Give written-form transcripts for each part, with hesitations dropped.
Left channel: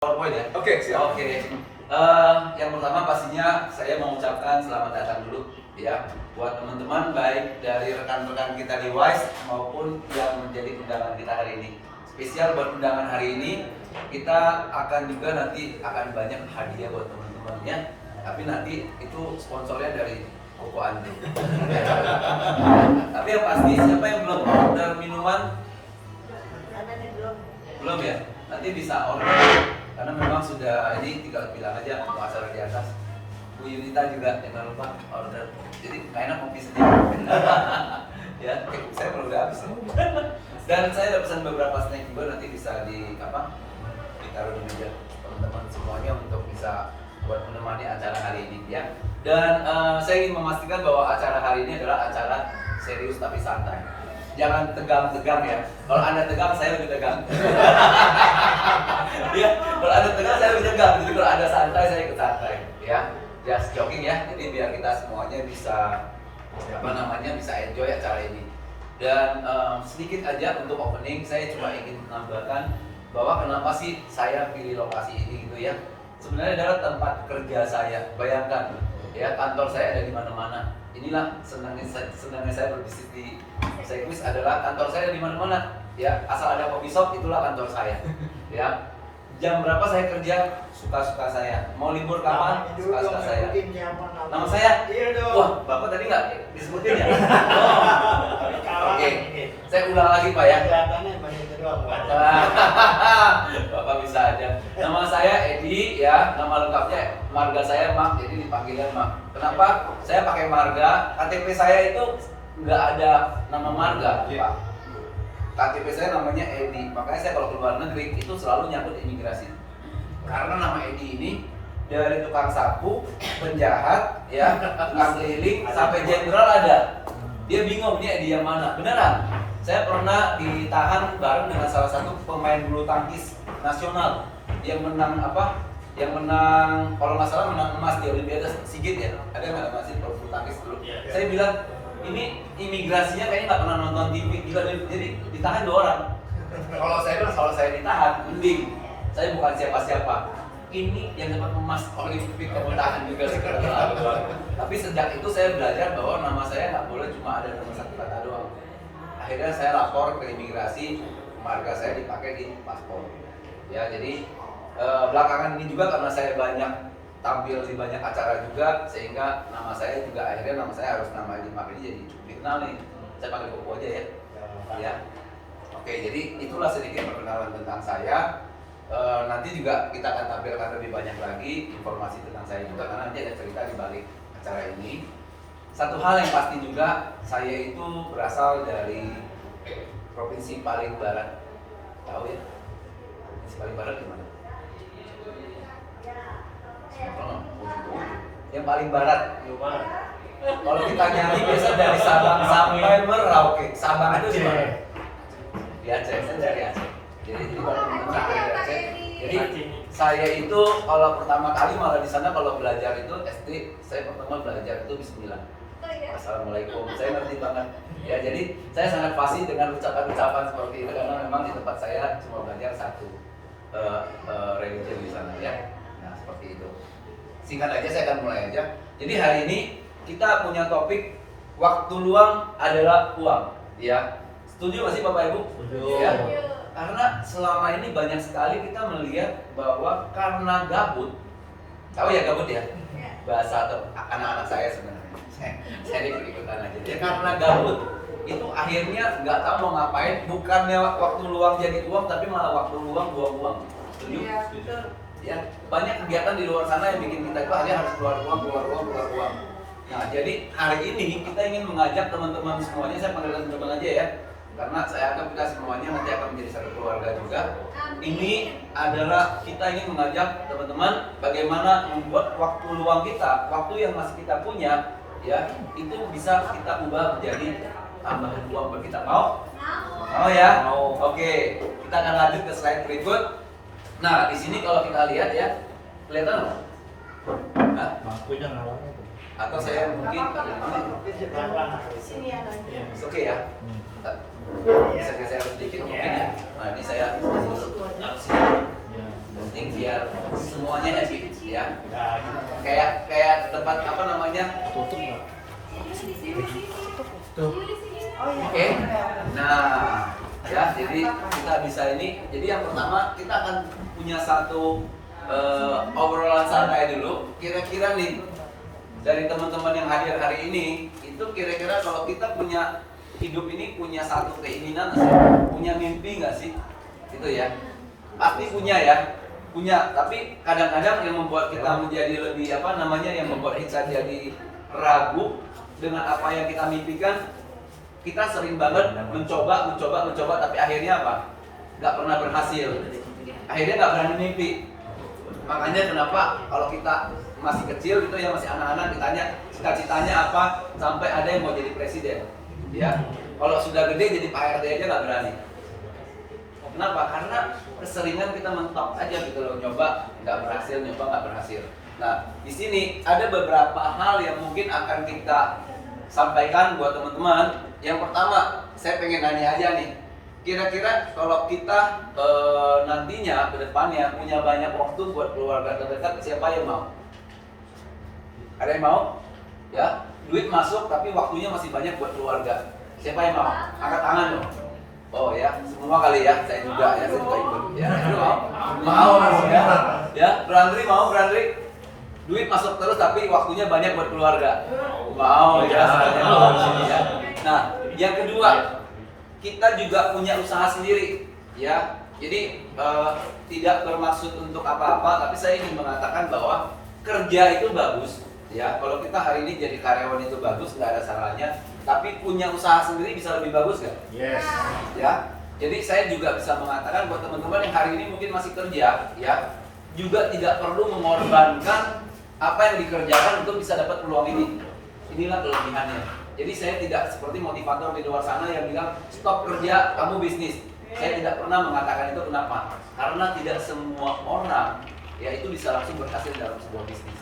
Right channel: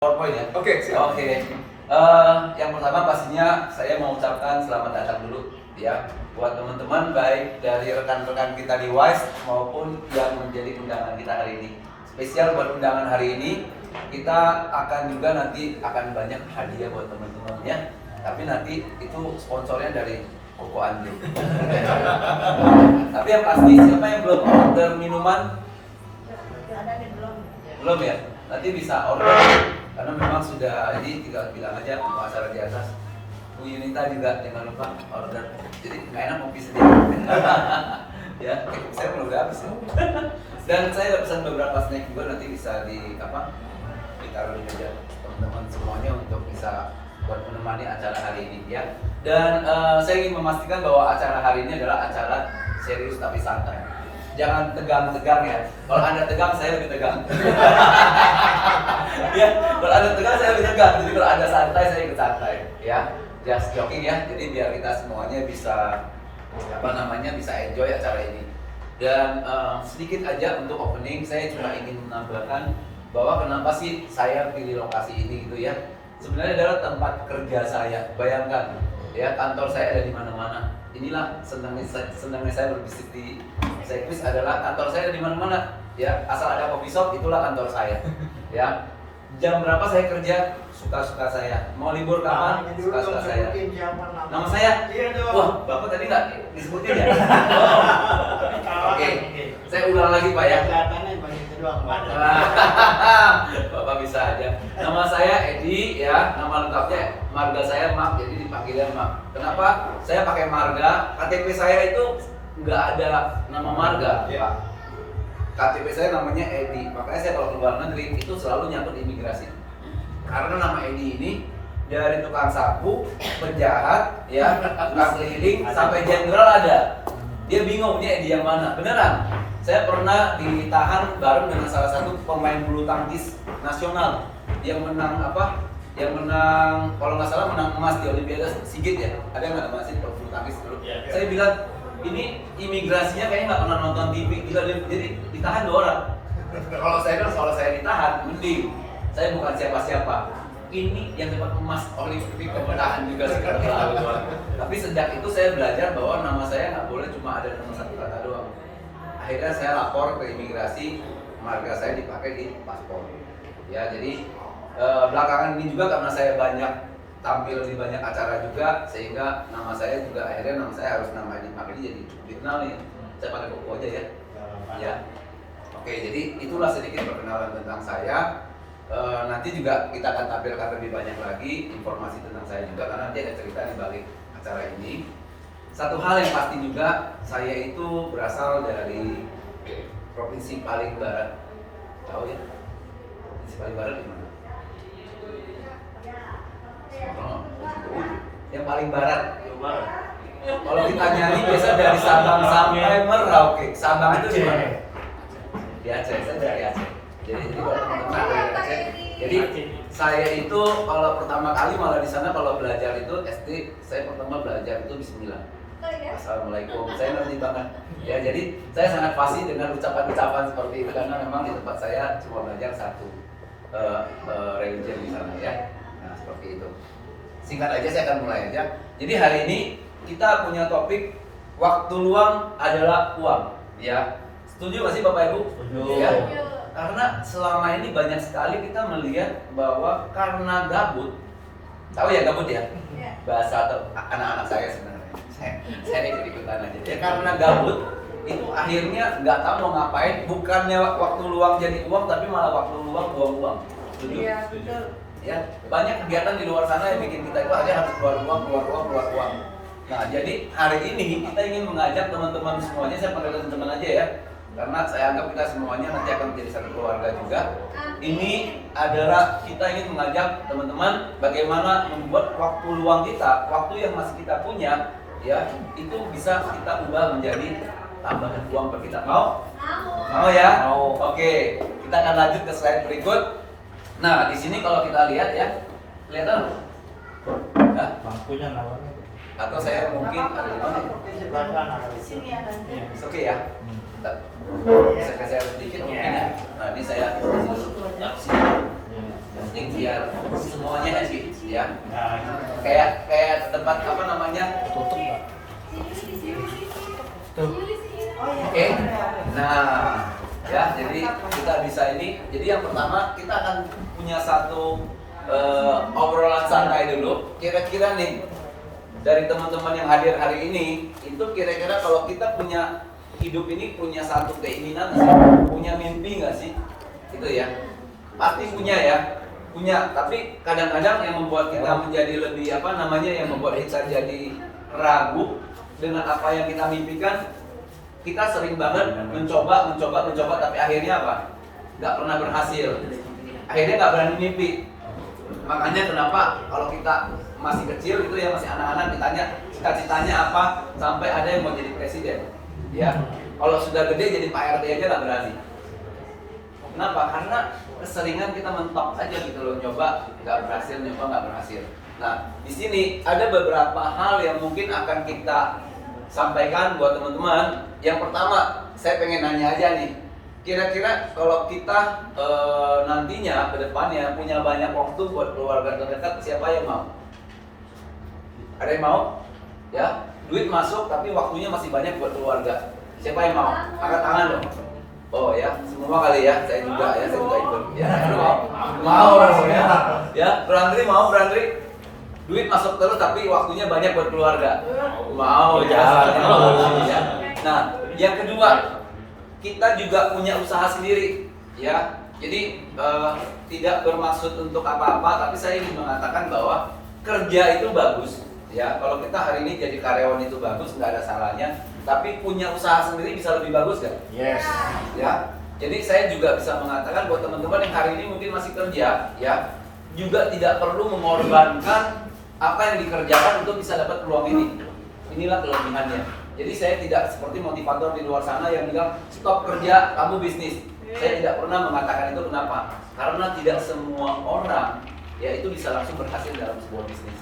PowerPoint ya? Oke, siap. Oke. Yang pertama pastinya saya mau ucapkan selamat datang dulu ya buat teman-teman baik dari rekan-rekan kita di WISE maupun yang menjadi undangan kita hari ini. Spesial buat undangan hari ini kita akan juga nanti akan banyak hadiah buat teman-teman ya. Tapi nanti itu sponsornya dari Koko Andi. Tapi yang pasti siapa yang belum order minuman? Belum ya? Nanti bisa order. Karena memang sudah ini tinggal bilang aja untuk acara di atas. Bu Yunita juga jangan lupa order. Jadi nggak enak kopi sendiri. Ya, saya belum habis ya. Dan saya udah pesan beberapa snack juga nanti bisa ditaruh di meja teman-teman semuanya untuk bisa buat menemani acara hari ini ya. Dan saya ingin memastikan bahwa acara hari ini adalah acara serius tapi santai. Jangan tegang-tegang ya. Kalau Anda tegang, saya lebih tegang. Ya, kalau Anda tegang, saya lebih tegang. Jadi kalau Anda santai, saya ikut santai. Ya, just jogging ya. Jadi biar kita semuanya bisa bisa enjoy acara ini. Dan sedikit aja untuk opening, saya cuma ingin menambahkan bahwa kenapa sih saya pilih lokasi ini gitu ya. Sebenarnya adalah tempat kerja saya. Bayangkan ya, kantor saya ada di mana-mana. Inilah senangnya saya berbisnis di Sekwis adalah kantor saya di mana-mana. Ya, asal ada coffee shop itulah kantor saya. Ya. Jam berapa saya kerja? Suka-suka saya. Mau libur kapan? Suka-suka saya. Nama saya? Iya dong. Wah, Bapak tadi nggak disebutin ya? Oh. Oke. Saya ulang lagi Pak ya. Kelihatannya masih doang Pak. Bapak bisa aja. Nama saya Edi ya, nama lengkapnya marga saya Mak, jadi dipanggilnya Mak. Kenapa saya pakai marga? KTP saya itu nggak ada nama marga, Pak. KTP saya namanya Edi, makanya saya kalau ke luar negeri itu selalu nyangkut imigrasi. Karena nama Edi ini dari tukang sapu, penjahat, ya, tukang keliling sampai jenderal ada. Dia bingung dia Edi yang mana. Beneran. Saya pernah ditahan bareng dengan salah satu pemain bulu tangkis nasional yang menang Yang menang kalau nggak salah menang emas di Olimpiade Sigit ya. Ada yang nggak emas di bulu tangkis dulu. Saya bilang ini imigrasinya kayaknya nggak pernah nonton TV, gila, jadi ditahan 2 orang. Kalau saya ditahan, mending saya bukan siapa-siapa. Ini yang dapat emas Olimpik kemudahan juga sekarang. Tapi sejak itu saya belajar bahwa nama saya nggak boleh cuma ada nomor 1 kata doang. Akhirnya saya lapor ke imigrasi, marga saya dipakai di paspor. Ya, jadi belakangan ini juga karena saya banyak tampil di banyak acara juga, sehingga nama saya harus nama dipakai jadi dikenal nih. Saya pakai Koko aja ya. Ya. Oke, jadi itulah sedikit perkenalan tentang saya. Nanti juga kita akan tampilkan lebih banyak lagi informasi tentang saya juga, karena nanti ada cerita di balik acara ini. Satu hal yang pasti juga, saya itu berasal dari provinsi paling barat. Tahu ya? Provinsi paling barat di mana? Yang paling barat. Kalau kita nyanyi biasa dari Sabang sampai Merauke. Sabang itu di mana? Di Aceh. Saya dari Aceh. Jadi kalau teman-teman dari Aceh. Jadi saya itu kalau pertama kali malah di sana kalau belajar itu SD, saya pertama belajar itu Bismillah. Assalamualaikum. Saya ngerti banget. Ya, jadi saya sangat fasih dengan ucapan-ucapan seperti itu karena memang di tempat saya cuma belajar satu religion di sana ya. Nah, seperti itu. Singkat aja saya akan mulai aja. Jadi hari ini kita punya topik waktu luang adalah uang. Ya, setuju nggak sih Bapak Ibu? Setuju. Ya. Karena selama ini banyak sekali kita melihat bahwa karena gabut, tahu ya gabut ya? Bahasa anak-anak saya sebenarnya. Saya ikut-ikutan aja. Jadi karena gabut itu akhirnya nggak tahu mau ngapain. Bukannya waktu luang jadi uang, tapi malah waktu luang buang uang. Setuju? Iya, betul. Ya, banyak kegiatan di luar sana yang bikin kita itu akhirnya harus keluar uang. Nah, jadi hari ini kita ingin mengajak teman-teman semuanya, saya panggil teman-teman aja ya, karena saya anggap kita semuanya nanti akan menjadi satu keluarga juga. Ini adalah kita ingin mengajak teman-teman bagaimana membuat waktu luang kita, waktu yang masih kita punya, ya, itu bisa kita ubah menjadi tambahan uang buat kita. Mau? Mau ya? Mau. Oke, kita akan lanjut ke slide berikut. Nah, di sini kalau kita lihat ya, kelihatan loh. Hah? Bangkunya malam itu. Atau saya mungkin ada di mana? Sini ada. Oke ya. Bisa geser sedikit mungkin ya. Nah, ini saya taruh sini. Ya. Yang penting biar semuanya happy ya. Nah, Kayak tempat apa namanya? Tutup nggak? Tuh. Oke. Nah, ya jadi kita bisa ini. Jadi yang pertama kita akan punya satu obrolan santai dulu. Kira-kira nih dari teman-teman yang hadir hari ini, itu kira-kira kalau kita punya hidup ini punya satu keinginan nggak sih? Punya mimpi nggak sih? Itu ya. Pasti punya ya. Punya, tapi kadang-kadang yang membuat kita menjadi lebih apa namanya, yang membuat kita jadi ragu dengan apa yang kita mimpikan. Kita sering banget mencoba, tapi akhirnya apa? Nggak pernah berhasil. Akhirnya nggak berani mimpi. Makanya kenapa kalau kita masih kecil gitu ya, masih anak-anak, ditanya cita-citanya apa, sampai ada yang mau jadi presiden. Ya, kalau sudah gede jadi Pak RT aja nggak berani. Kenapa? Karena keseringan kita mentok aja gitu loh, nyoba nggak berhasil, nyoba nggak berhasil. Nah, di sini ada beberapa hal yang mungkin akan kita sampaikan buat teman-teman. Yang pertama, saya pengen nanya aja nih, kira-kira kalau kita nantinya ke depannya punya banyak waktu buat keluarga terdekat, siapa yang mau? Ada yang mau? Ya, duit masuk tapi waktunya masih banyak buat keluarga. Siapa yang mau? Angkat tangan dong. Oh ya, semua kali ya, saya juga ikut. Ya, mau ya. Ya, Brandri mau, Brandri. Duit masuk terus tapi waktunya banyak buat keluarga. Mau ya. Ya. Nah, yang kedua, kita juga punya usaha sendiri, ya. Jadi tidak bermaksud untuk apa-apa, tapi saya ingin mengatakan bahwa kerja itu bagus, ya. Kalau kita hari ini jadi karyawan itu bagus, nggak ada salahnya. Tapi punya usaha sendiri bisa lebih bagus nggak? yes. Ya. Jadi saya juga bisa mengatakan buat teman-teman yang hari ini mungkin masih kerja, ya, juga tidak perlu mengorbankan apa yang dikerjakan untuk bisa dapat peluang ini. Inilah kelebihannya. Jadi saya tidak seperti motivator di luar sana yang bilang stop kerja, kamu bisnis. Saya tidak pernah mengatakan itu. Kenapa? Karena tidak semua orang ya itu bisa langsung berhasil dalam sebuah bisnis.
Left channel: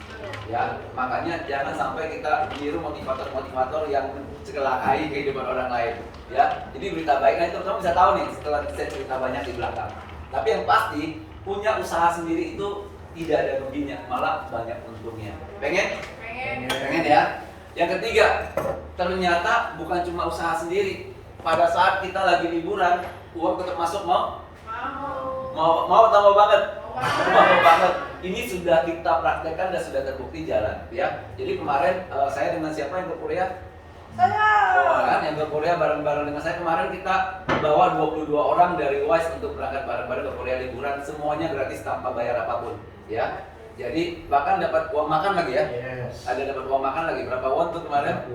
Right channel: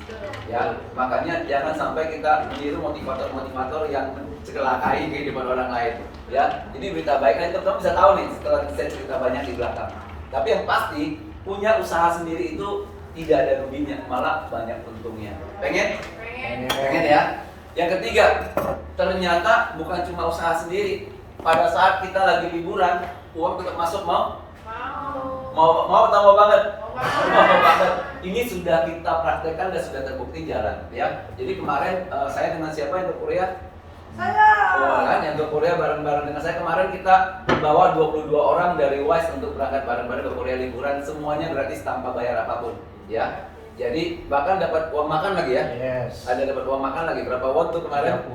Ya, makanya jangan sampai kita meniru motivator-motivator yang celakai kehidupan orang lain. Ya, jadi berita baik, nah teman-teman bisa tahu nih setelah saya cerita banyak di belakang. Tapi yang pasti punya usaha sendiri itu tidak ada ruginya, malah banyak untungnya. Pengen? Pengen ya. Yang ketiga, ternyata bukan cuma usaha sendiri. Pada saat kita lagi liburan, uang tetap masuk mau? Mau atau mau banget? Mau banget. Ini sudah kita praktekkan dan sudah terbukti jalan, ya. Jadi kemarin saya dengan siapa yang ke Korea? Saya. Oh, kan yang ke Korea bareng-bareng dengan saya kemarin, kita bawa 22 orang dari WISE untuk berangkat bareng-bareng ke Korea liburan, semuanya gratis tanpa bayar apapun, ya. Jadi bahkan dapat uang makan lagi ya. Yes. Ada dapat uang makan lagi. Berapa won tuh kemarin?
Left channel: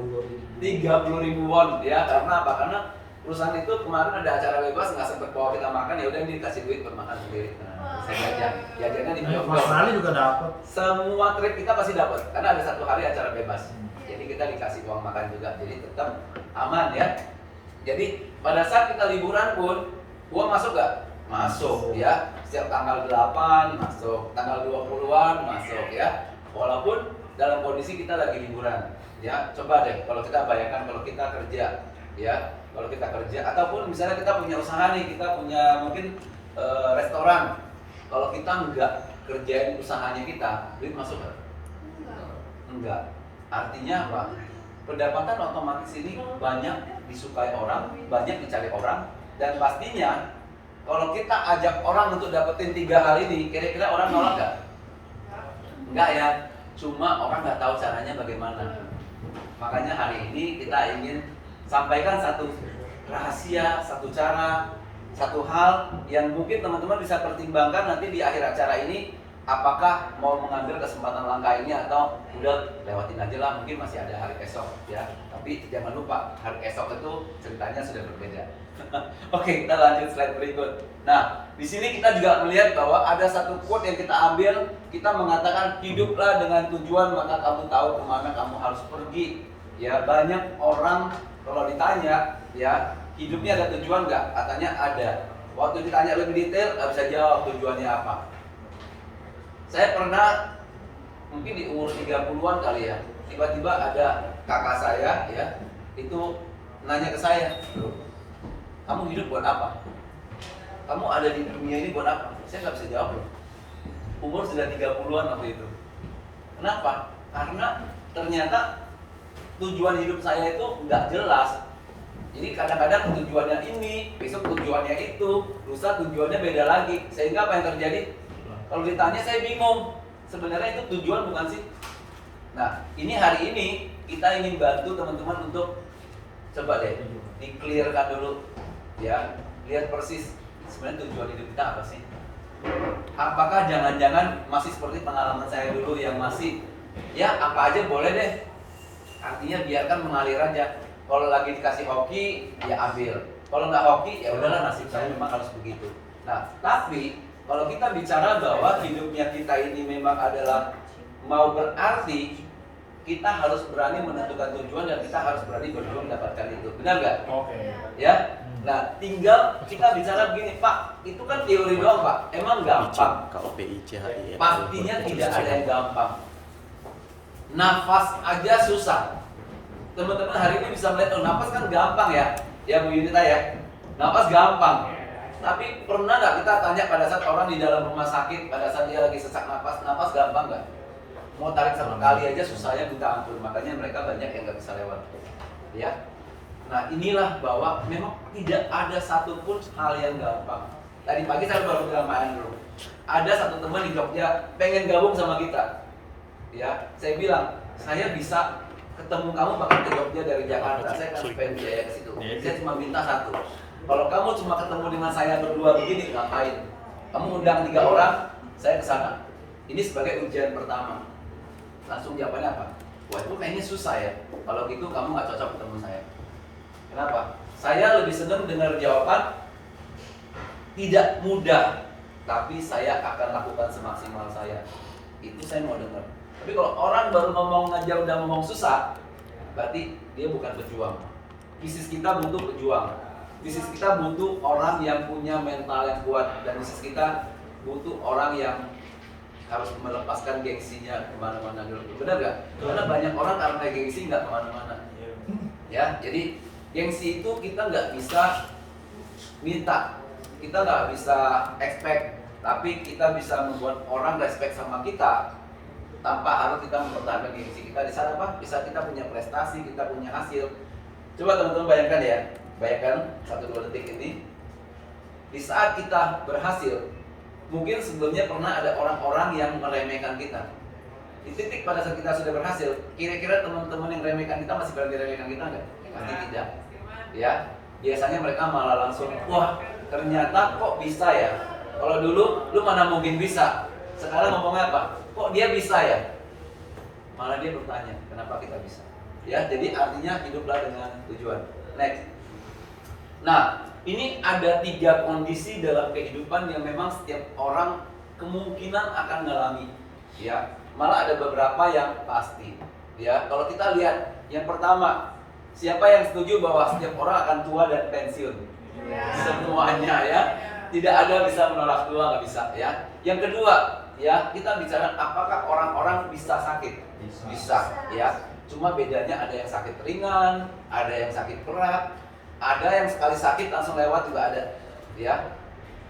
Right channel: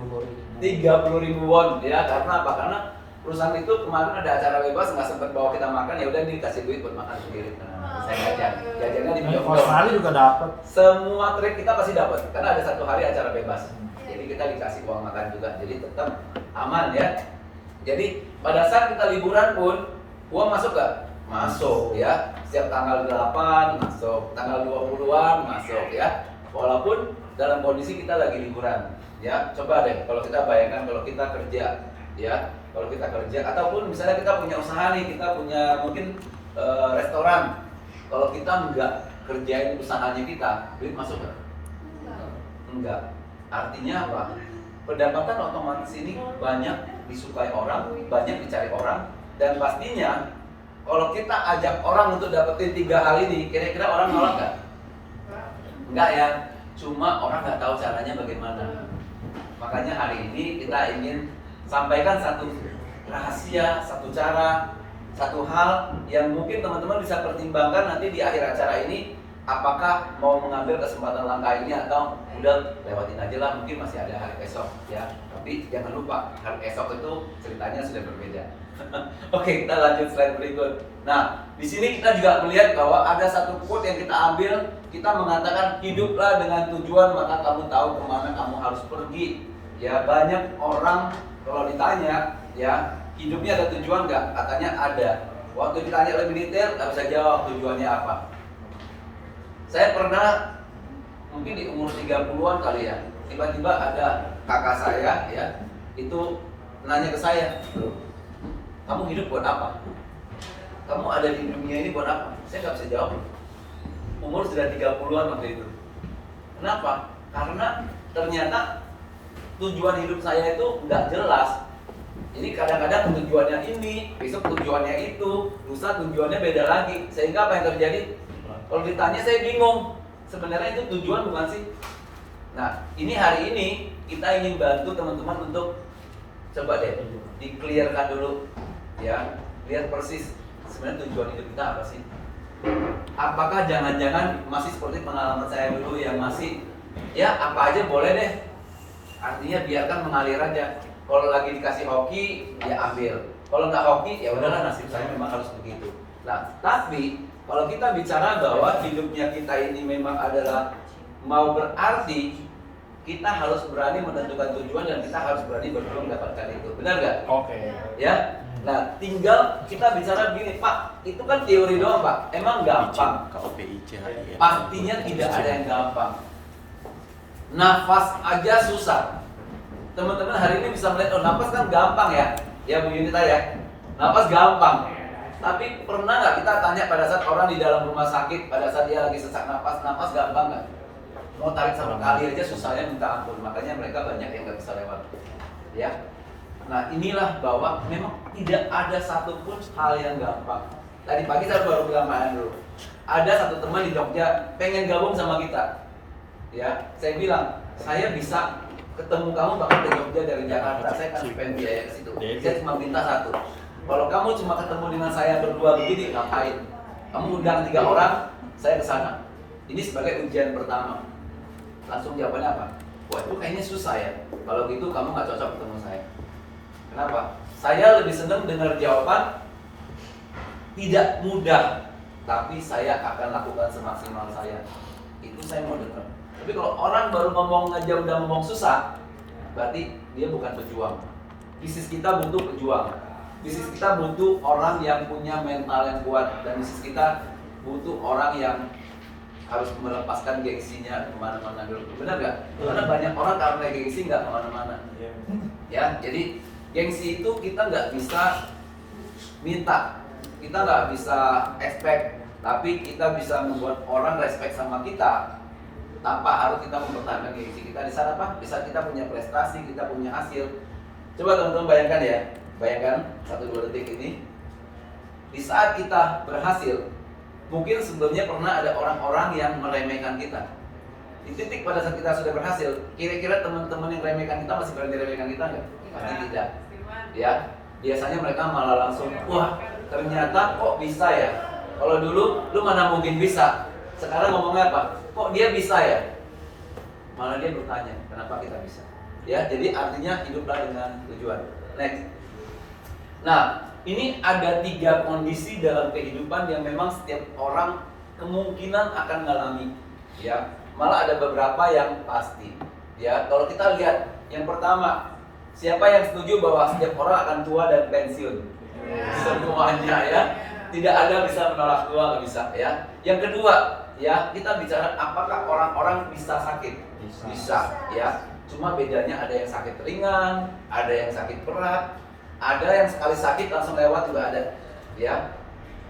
30.000 won, ya. Karena apa? Karena perusahaan itu kemarin ada acara bebas, nggak sempat bawa kita makan, ya udah dikasih duit buat makan sendiri. Nah, saya jajannya di Australia juga dapat. semua trip kita pasti dapat karena ada satu hari acara bebas. Jadi kita dikasih uang makan juga. Jadi tetap aman ya. Jadi pada saat kita liburan pun uang masuk nggak? Masuk ya. Setiap tanggal 8 masuk, tanggal 20-an masuk ya. Walaupun dalam kondisi kita lagi liburan. Ya, coba deh kalau kita bayangkan kalau kita kerja, ya. Kalau kita kerja ataupun misalnya kita punya usaha nih, kita punya mungkin restoran. Kalau kita nggak kerjain usahanya kita, duit masuk nggak? Enggak. Artinya apa? Pendapatan otomatis ini banyak disukai orang, banyak dicari orang, dan pastinya kalau kita ajak orang untuk dapetin 3 hal ini, kira-kira orang nolak nggak? Enggak ya. Cuma orang nggak tahu caranya bagaimana. Makanya hari ini kita ingin sampaikan satu rahasia, satu cara, satu hal yang mungkin teman-teman bisa pertimbangkan nanti di akhir acara ini, apakah mau mengambil kesempatan langkah ini atau udah lewatin aja lah, mungkin masih ada hari esok ya. Tapi jangan lupa hari esok itu ceritanya sudah berbeda. Oke, kita lanjut slide berikut. Nah, di sini kita juga melihat bahwa ada satu quote yang kita ambil, kita mengatakan hiduplah dengan tujuan maka kamu tahu kemana kamu harus pergi. Ya, banyak orang kalau ditanya ya hidupnya ada tujuan nggak? Katanya ada. Waktu ditanya lebih detail nggak bisa jawab tujuannya apa. Saya pernah mungkin di umur 30-an kali ya, tiba-tiba ada kakak saya ya, itu nanya ke saya, kamu hidup buat apa? Kamu ada di dunia ini buat apa? Saya nggak bisa jawab loh. Umur sudah 30-an waktu itu. Kenapa? Karena ternyata tujuan hidup saya itu nggak jelas. Jadi kadang-kadang tujuannya ini, besok tujuannya itu, lusa tujuannya beda lagi. Sehingga apa yang terjadi? Kalau ditanya saya bingung. Sebenarnya itu tujuan bukan sih? Nah, ini hari ini kita ingin bantu teman-teman untuk coba deh di-clearkan dulu, ya, lihat persis sebenarnya tujuan hidup kita apa sih? Apakah jangan-jangan masih seperti pengalaman saya dulu yang masih ya apa aja boleh deh, artinya biarkan mengalir aja. Kalau lagi dikasih hoki ya ambil, kalau nggak hoki ya udahlah, nasib saya memang harus begitu. Nah, tapi kalau kita bicara bahwa hidupnya kita ini memang adalah mau berarti, kita harus berani menentukan tujuan dan kita harus berani berjuang dapatkan itu. Benar nggak? Oke. Ya. Nah, tinggal kita bicara begini, Pak, itu kan teori doang, Pak. Emang gampang? Pastinya tidak ada yang gampang. Nafas aja susah. Teman-teman hari ini bisa melihat, oh nafas kan gampang ya. Ya Bu Yunita ya. Nafas gampang. Tapi pernah nggak kita tanya pada saat orang di dalam rumah sakit, pada saat dia lagi sesak nafas gampang nggak? Mau tarik satu kali aja susahnya minta ampun. Makanya mereka banyak yang nggak bisa lewat. Ya. Nah, inilah bahwa memang tidak ada satupun hal yang gampang. Tadi pagi saya baru bilang Pak Andrew, ada satu teman di Jogja pengen gabung sama kita. Ya, saya bilang, saya bisa ketemu kamu bahkan ke Jogja dari Jakarta. Saya kasih pengen biaya ke situ. Saya cuma minta satu. Kalau kamu cuma ketemu dengan saya berdua begini, ngapain? Kamu undang 3 orang, saya ke sana. Ini sebagai ujian pertama. Langsung jawabannya apa? Wah, itu kayaknya susah ya. Kalau gitu kamu nggak cocok ketemu saya. Kenapa? Saya lebih senang dengar jawaban tidak mudah, tapi saya akan lakukan semaksimal saya. Itu saya mau dengar. Tapi kalau orang baru ngomong aja udah ngomong susah, berarti dia bukan pejuang. Bisnis kita butuh pejuang. Bisnis kita butuh orang yang punya mental yang kuat, dan bisnis kita butuh orang yang harus melepaskan gengsinya kemana-mana dulu. Benar nggak? Karena banyak orang karena gengsi nggak kemana-mana. Ya, jadi gengsi itu kita nggak bisa minta, kita nggak bisa expect, tapi kita bisa membuat orang respect sama kita tanpa harus kita mempertahankan gengsi kita. Di sana apa? Bisa kita punya prestasi, kita punya hasil. Coba teman-teman bayangkan ya, bayangkan 1-2 detik ini. Di saat kita berhasil, mungkin sebelumnya pernah ada orang-orang yang meremehkan kita. Di titik pada saat kita sudah berhasil, kira-kira teman-teman yang remehkan kita masih berani remehkan kita nggak? Pasti tidak. Ya, biasanya mereka malah langsung, wah ternyata kok bisa ya. Kalau dulu lu mana mungkin bisa. Sekarang ngomongnya apa? Kok dia bisa ya? Malah dia bertanya, kenapa kita bisa? Ya, jadi artinya hiduplah dengan tujuan. Next. Nah, ini ada 3 kondisi dalam kehidupan yang memang setiap orang kemungkinan akan mengalami. Ya, malah ada beberapa yang pasti. Ya, kalau kita lihat yang pertama, siapa yang setuju bahwa setiap orang akan tua dan pensiun? Semuanya ya. Tidak ada bisa menolak tua, nggak bisa ya. Yang kedua, ya kita bicara apakah orang-orang bisa sakit? Bisa ya. Cuma bedanya ada yang sakit ringan, ada yang sakit berat, ada yang sekali sakit langsung lewat juga ada. Ya.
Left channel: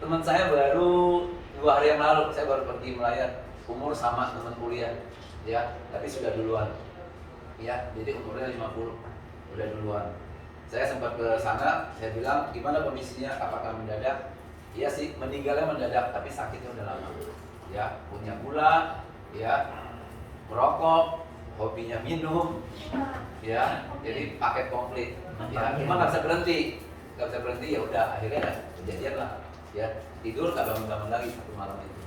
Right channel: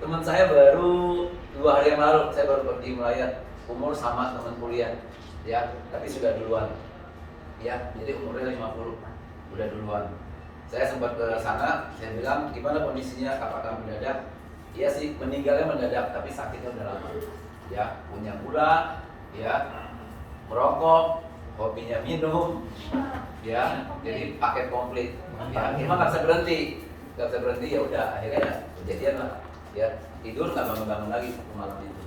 Teman saya baru 2 hari yang lalu, saya baru pergi melayat, umur sama teman kuliah. Ya, tapi sudah duluan. Ya, jadi umurnya 50. Udah duluan. Saya sempat ke sana, saya bilang gimana kondisinya, apakah mendadak? Iya sih, meninggalnya mendadak, tapi sakitnya udah lama. Ya, punya gula, ya, merokok, hobinya minum, ya, jadi paket komplit. Ya, cuma nggak bisa berhenti, ya udah akhirnya kejadian lah. Ya, tidur nggak bangun-bangun lagi satu malam itu.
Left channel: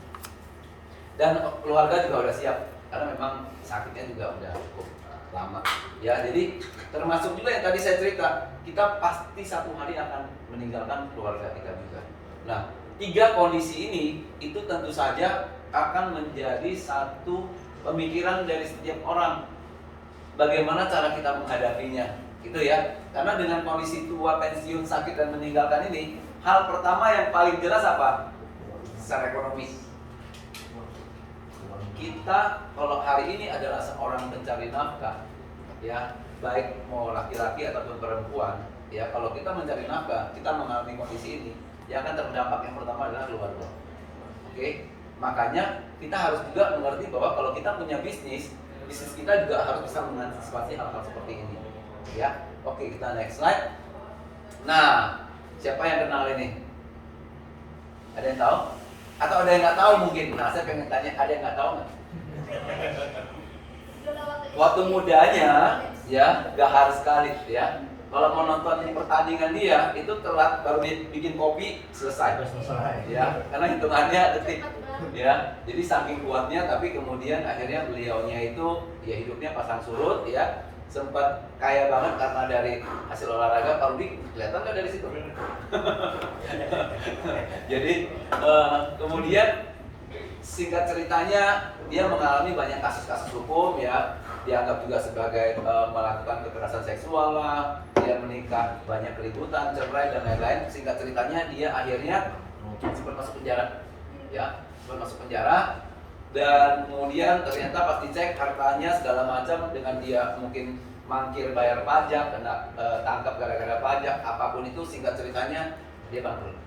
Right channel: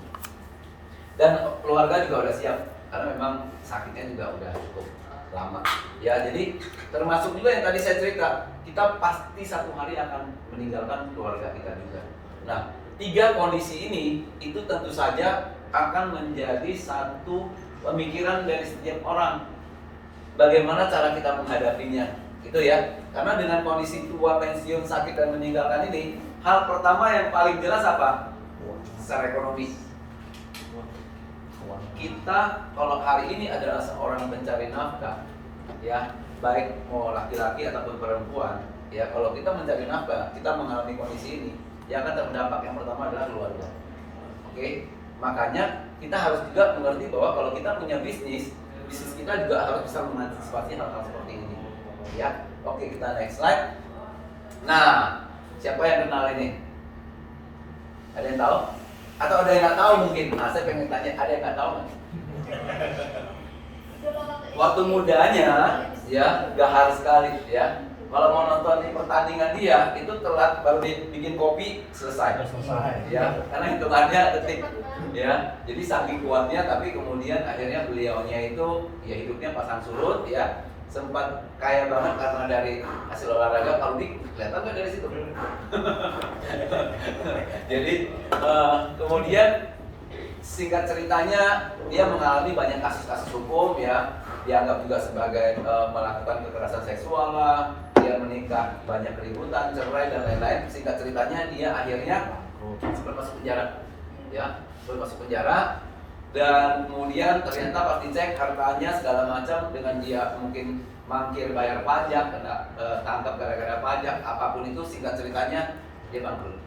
Dan keluarga juga udah siap, karena memang sakitnya juga udah cukup lama. Ya, jadi termasuk juga yang tadi saya cerita, kita pasti satu hari akan meninggalkan keluarga kita juga. Nah, 3 kondisi ini itu tentu saja akan menjadi satu pemikiran dari setiap orang. Bagaimana cara kita menghadapinya, gitu ya. Karena dengan kondisi tua, pensiun, sakit dan meninggalkan ini, hal pertama yang paling jelas apa? Secara ekonomi. Kita kalau hari ini adalah seorang pencari nafkah, ya, baik mau laki-laki ataupun perempuan, ya, kalau kita mencari nafkah, kita mengalami kondisi ini, yang akan terdampak yang pertama adalah keluarga. Oke, makanya kita harus juga mengerti bahwa kalau kita punya bisnis kita juga harus bisa mengantisipasi hal-hal seperti ini. Ya, oke, kita next slide. Nah, siapa yang kenal ini? Ada yang tahu? Atau ada yang nggak tahu mungkin? Nah, saya pengen tanya, ada yang nggak tahu nggak? Waktu mudanya, ya, gahar sekali, ya. Kalau mau nonton pertandingan dia, itu telat baru bikin kopi selesai. Ya, karena hitungannya detik. Ya, jadi saking kuatnya, tapi kemudian akhirnya beliaunya itu, ya hidupnya pasang surut, ya. Sempat kaya banget karena dari hasil olahraga. Kalau kelihatan nggak dari situ? Jadi kemudian singkat ceritanya dia mengalami banyak kasus-kasus hukum, ya, dianggap juga sebagai melakukan kekerasan seksual lah, dia menikah banyak keributan, cerai dan lain-lain. Singkat ceritanya dia akhirnya sempat masuk penjara, ya, sempat masuk penjara. Dan kemudian ternyata pas dicek hartanya segala macam, dengan dia mungkin mangkir bayar pajak, kena tangkap gara-gara pajak, apapun itu, singkat ceritanya dia bangkrut.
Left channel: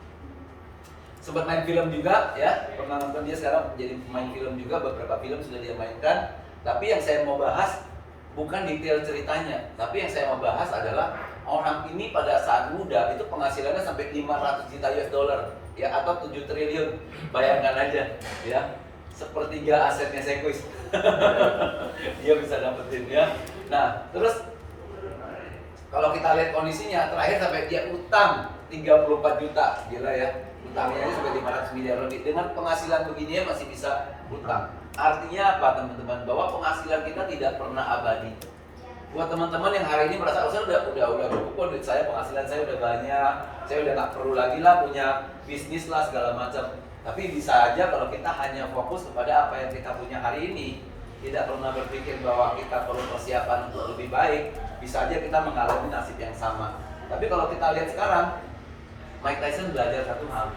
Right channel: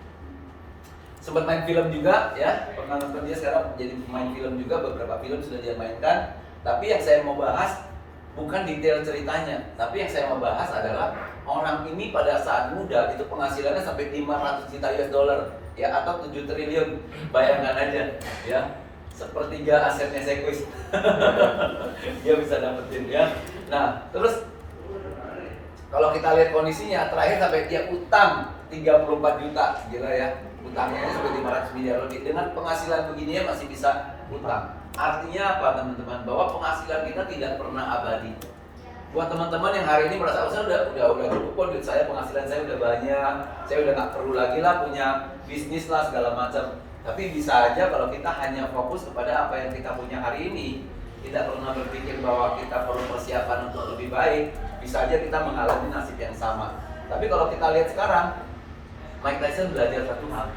Sempat main film juga, ya, pernah nonton dia sekarang menjadi pemain film juga, beberapa film sudah dia mainkan. Tapi yang saya mau bahas bukan detail ceritanya, tapi yang saya mau bahas adalah orang ini pada saat muda itu penghasilannya sampai 500 juta US dollar, ya, atau 7 triliun, bayangkan aja, ya. Sepertiga asetnya Sequis dia bisa dapetin, ya. Nah, terus kalau kita lihat kondisinya terakhir sampai dia utang 34 juta, gila ya, utangnya sampai 500 miliar lebih. Dengan penghasilan begini masih bisa utang. Artinya apa teman-teman? Bahwa penghasilan kita tidak pernah abadi. Buat teman-teman yang hari ini merasa, oh, saya udah cukup kok, duit saya, penghasilan saya udah banyak, saya udah nggak perlu lagi lah punya bisnis lah segala macam. Tapi bisa aja kalau kita hanya fokus kepada apa yang kita punya hari ini, tidak pernah berpikir bahwa kita perlu persiapan untuk lebih baik, bisa aja kita mengalami nasib yang sama. Tapi kalau kita lihat sekarang, Mike Tyson belajar satu hal.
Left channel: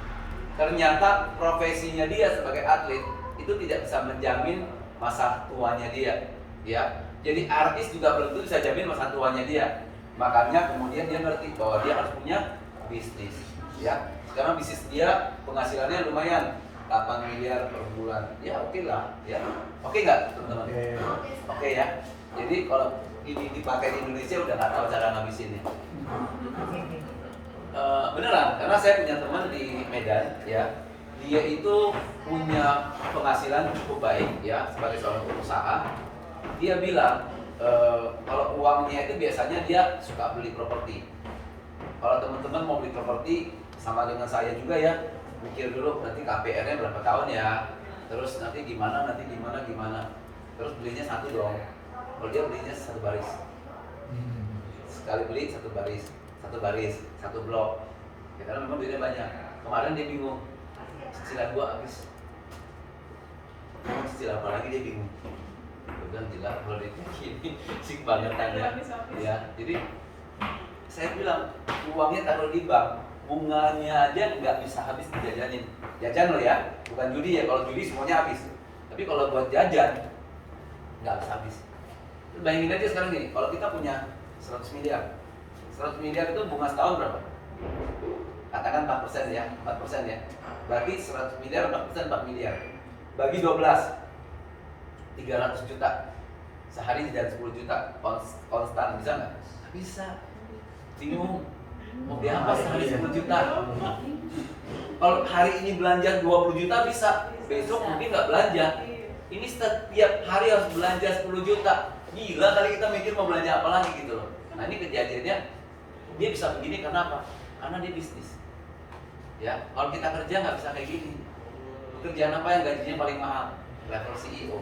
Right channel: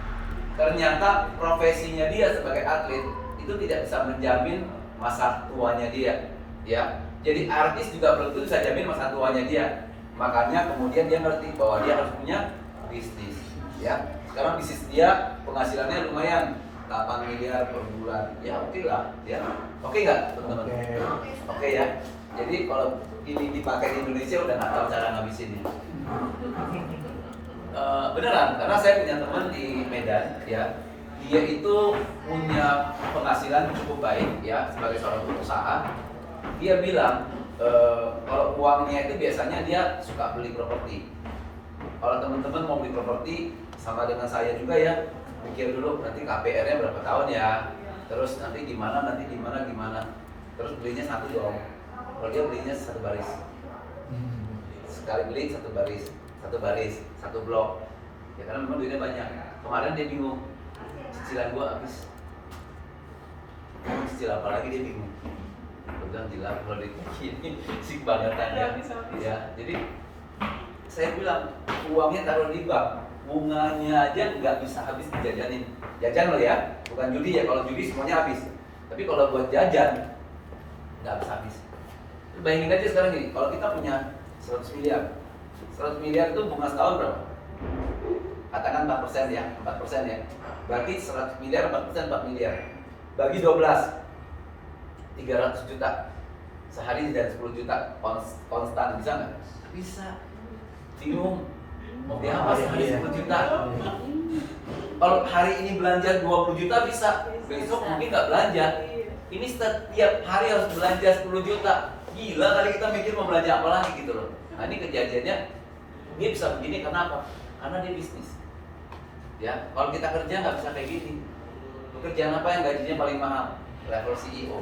Ternyata profesinya dia sebagai atlet itu tidak bisa menjamin masa tuanya dia, ya. Jadi artis juga belum tentu bisa jamin masa tuanya dia. Makanya kemudian dia ngerti bahwa dia harus punya bisnis, ya. Sekarang bisnis dia penghasilannya lumayan, 8 miliar per bulan. Ya oke lah, ya. Oke nggak teman-teman? Oke ya. Jadi kalau ini dipakai di Indonesia udah nggak tahu cara ngabisinnya. Beneran, karena saya punya teman di Medan, ya. Dia itu punya penghasilan cukup baik, ya, sebagai seorang pengusaha. Dia bilang kalau uangnya itu biasanya dia suka beli properti. Kalau teman-teman mau beli properti, sama dengan saya juga ya, mikir dulu nanti KPR-nya berapa tahun ya, terus nanti gimana, terus belinya satu dong. Kalau dia belinya satu baris, sekali beli satu baris, satu blok, ya karena memang duitnya banyak. Kemarin dia bingung, cicilan gua habis, cicil apa lagi, dia bingung. Pegang gila kalau duitnya gini, sik banget ya. Jadi saya bilang uangnya taruh di bank, bunganya aja nggak bisa habis dijajanin. Jajan loh ya, bukan judi ya. Kalau judi semuanya habis. Tapi kalau buat jajan nggak habis. Bayangin aja sekarang gini, kalau kita punya 100 miliar, 100 miliar itu bunga setahun berapa? Katakan 4% ya, 4% ya. Berarti 100 miliar, 4%, 4 miliar. Bagi 12, 300 juta. Sehari dan 10 juta konstan, bisa nggak? Bisa. Bingung. Mau beli apa sehari 10 juta? Kalau hari ini belanja 20 juta bisa, besok mungkin nggak belanja. Ini setiap hari harus belanja 10 juta. Gila kali kita mikir mau belanja apa lagi gitu loh. Nah ini kejadiannya, dia bisa begini karena apa? Karena dia bisnis. Ya, kalau kita kerja nggak bisa kayak gini. Pekerjaan apa yang gajinya paling mahal? Level CEO,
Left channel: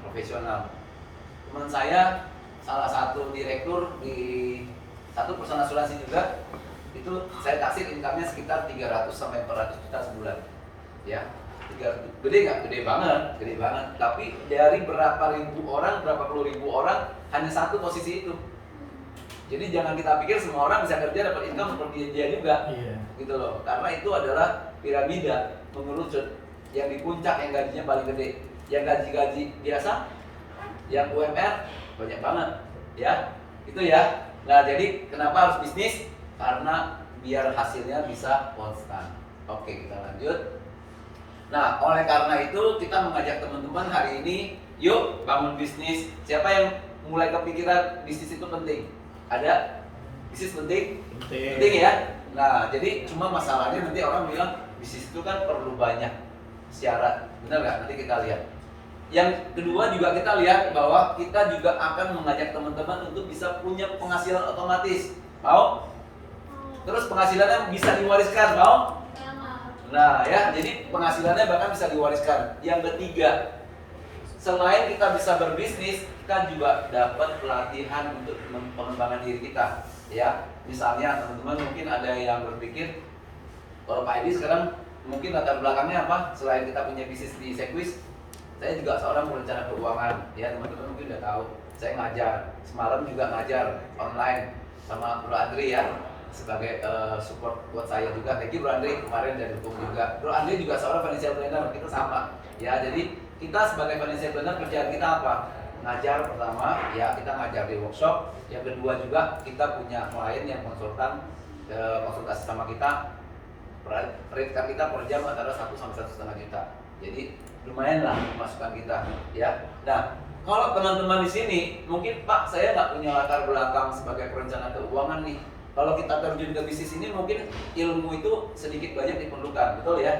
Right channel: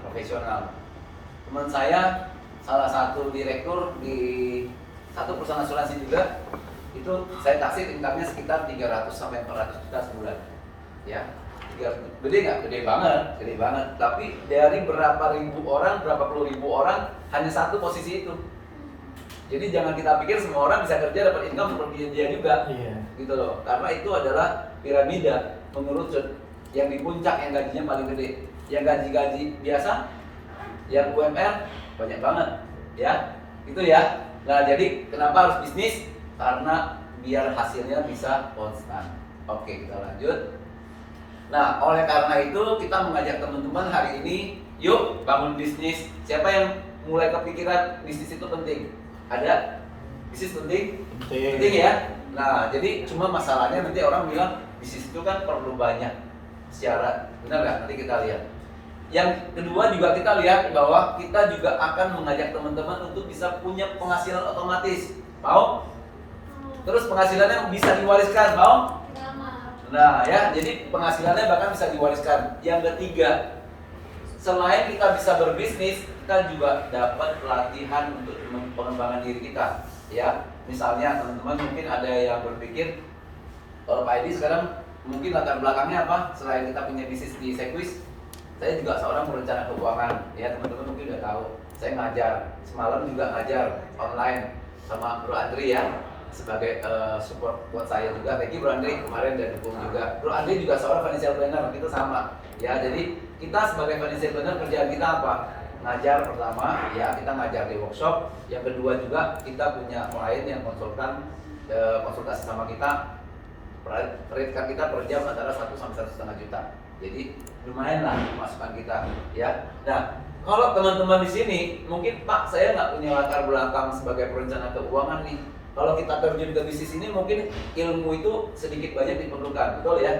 profesional. Teman saya salah satu direktur di satu perusahaan asuransi juga, itu saya taksir income-nya sekitar 300 sampai 400 juta sebulan. Ya. Gede nggak? Gede banget. Tapi dari berapa ribu orang, berapa puluh ribu orang, hanya satu posisi itu. Jadi jangan kita pikir semua orang bisa kerja dapat income seperti dia juga, gitu loh. Karena itu adalah piramida mengerucut. Yang di puncak yang gajinya paling gede, yang gaji biasa, yang UMR banyak banget, ya, gitu ya. Nah jadi kenapa harus bisnis? Karena biar hasilnya bisa konstan. Oke, kita lanjut. Nah, oleh karena itu kita mengajak teman-teman hari ini, yuk bangun bisnis. Siapa yang mulai kepikiran bisnis itu penting? Ada? Bisnis penting? Penting ya? Nah, jadi cuma masalahnya nanti orang bilang bisnis itu kan perlu banyak syarat. Benar nggak? Nanti kita lihat. Yang kedua juga kita lihat bahwa kita juga akan mengajak teman-teman untuk bisa punya penghasilan otomatis. Mau? Terus penghasilannya bisa diwariskan, mau? Nah ya, jadi penghasilannya bahkan bisa diwariskan. Yang ketiga, selain kita bisa berbisnis, kita juga dapat pelatihan untuk pengembangan diri kita. Ya, misalnya teman-teman mungkin ada yang berpikir, kalau Pak Edi sekarang mungkin latar belakangnya apa? Selain kita punya bisnis di Sekwis, saya juga seorang perencana keuangan. Ya teman-teman mungkin udah tahu. Saya ngajar, semalam juga ngajar online sama Bro Andri ya, sebagai support buat saya juga. Thank you Bro Andri kemarin dan dukung juga. Bro Andri juga seorang financial planner, kita sama. Ya jadi kita sebagai financial planner kerjaan kita apa? Ngajar pertama, ya kita ngajar di workshop. Yang kedua juga kita punya klien yang konsultasi sama kita. Rate kita per jam antara 1 sampai 1,5 juta. Jadi lumayan lah masukan kita, ya. Nah, kalau teman-teman di sini mungkin Pak saya nggak punya latar belakang sebagai perencana keuangan nih. Kalau kita terjun ke bisnis ini mungkin ilmu itu sedikit banyak diperlukan, betul ya?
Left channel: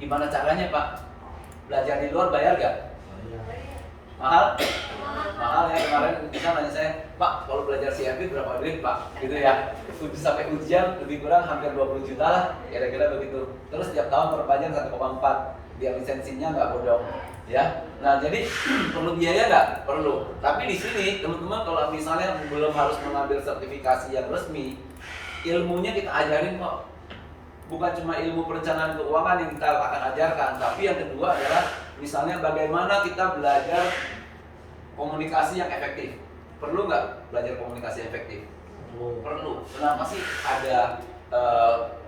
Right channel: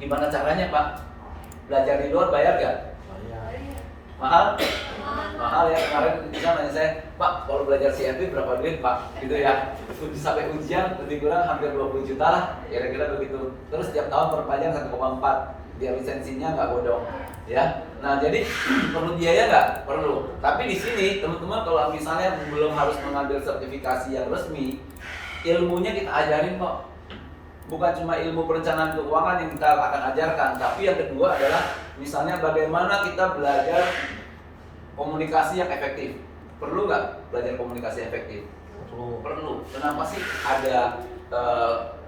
Gimana caranya Pak? Belajar di luar bayar gak? Mahal? Mahal ya, kemarin bisa nanya saya, Pak kalau belajar CFP berapa duit Pak? Gitu ya, sampai ujian lebih kurang hampir 20 juta lah, kira-kira begitu. Terus setiap tahun perpanjang 1,4, biar lisensinya nggak bodong. Ya, nah jadi perlu biaya nggak? Perlu. Tapi di sini teman-teman kalau misalnya belum harus mengambil sertifikasi yang resmi, ilmunya kita ajarin kok. Bukan cuma ilmu perencanaan keuangan yang kita akan ajarkan, tapi yang kedua adalah misalnya bagaimana kita belajar komunikasi yang efektif. Perlu nggak belajar komunikasi efektif? Perlu. Kenapa sih ada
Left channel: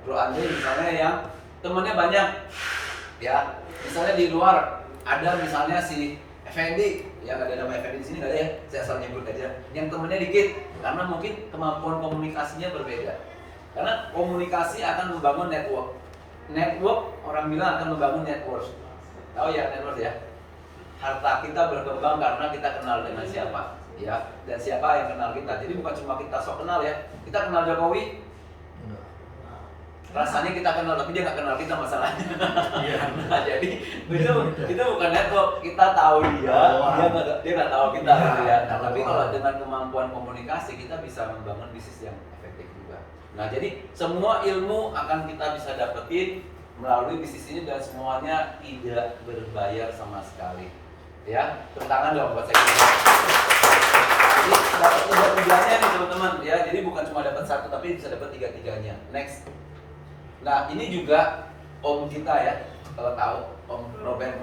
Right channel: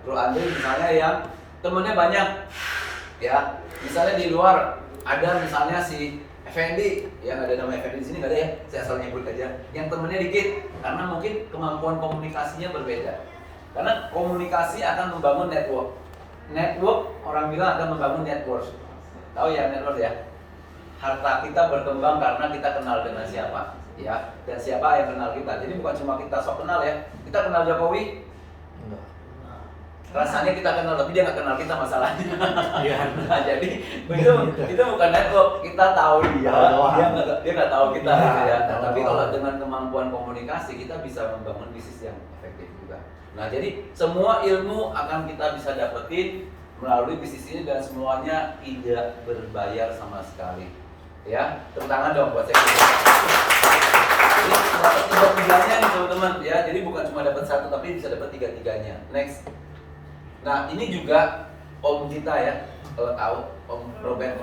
Bro Andri misalnya yang temennya banyak, ya? Misalnya di luar ada misalnya si Effendi, yang ada nama Effendi di sini nggak ada ya? Saya asal nyebut aja. Yang temennya dikit, karena mungkin kemampuan komunikasinya berbeda. Karena komunikasi akan membangun network. Network orang bilang akan membangun network. Tahu ya network ya? Harta kita berkembang karena kita kenal dengan siapa, ya, dan siapa yang kenal kita. Jadi bukan cuma kita sok kenal ya. Kita kenal Jokowi, Enggak. rasanya kita kenal, tapi dia nggak kenal kita masalahnya. Iya. Nah, jadi itu bukan network. Kita tahu dia nggak tahu kita, gitu ya. Nah, tapi kalau dengan kemampuan komunikasi kita bisa membangun bisnis yang efektif juga. Nah, jadi semua ilmu akan kita bisa dapetin melalui bisnis ini dan semuanya tidak berbayar sama sekali. Ya, tepuk tangan dong buat saya. Jadi dapat tiga-tiganya nih teman-teman ya. Jadi bukan cuma dapat satu tapi bisa dapat tiga-tiganya. Next. Nah, ini juga om kita ya, kalau tahu Om Robert.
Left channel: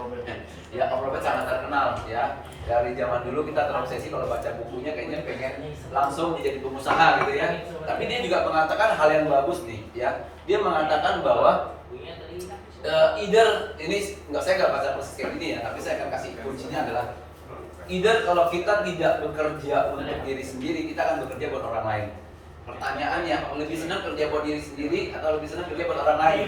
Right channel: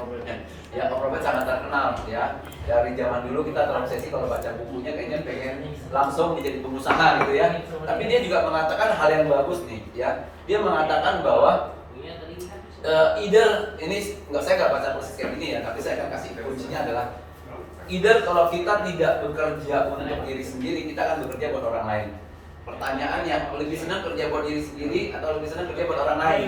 Ya, Om Robert sangat terkenal ya. Dari zaman dulu kita terobsesi kalau baca bukunya kayaknya pengen langsung menjadi pengusaha gitu ya. Tapi dia juga mengatakan hal yang bagus nih ya. Dia mengatakan bahwa either ini saya nggak baca persis kayak gini ya, tapi saya akan kasih kuncinya adalah either kalau kita tidak bekerja untuk diri sendiri, kita akan bekerja buat orang lain. Pertanyaannya, lebih senang kerja buat diri sendiri atau lebih senang kerja buat orang lain?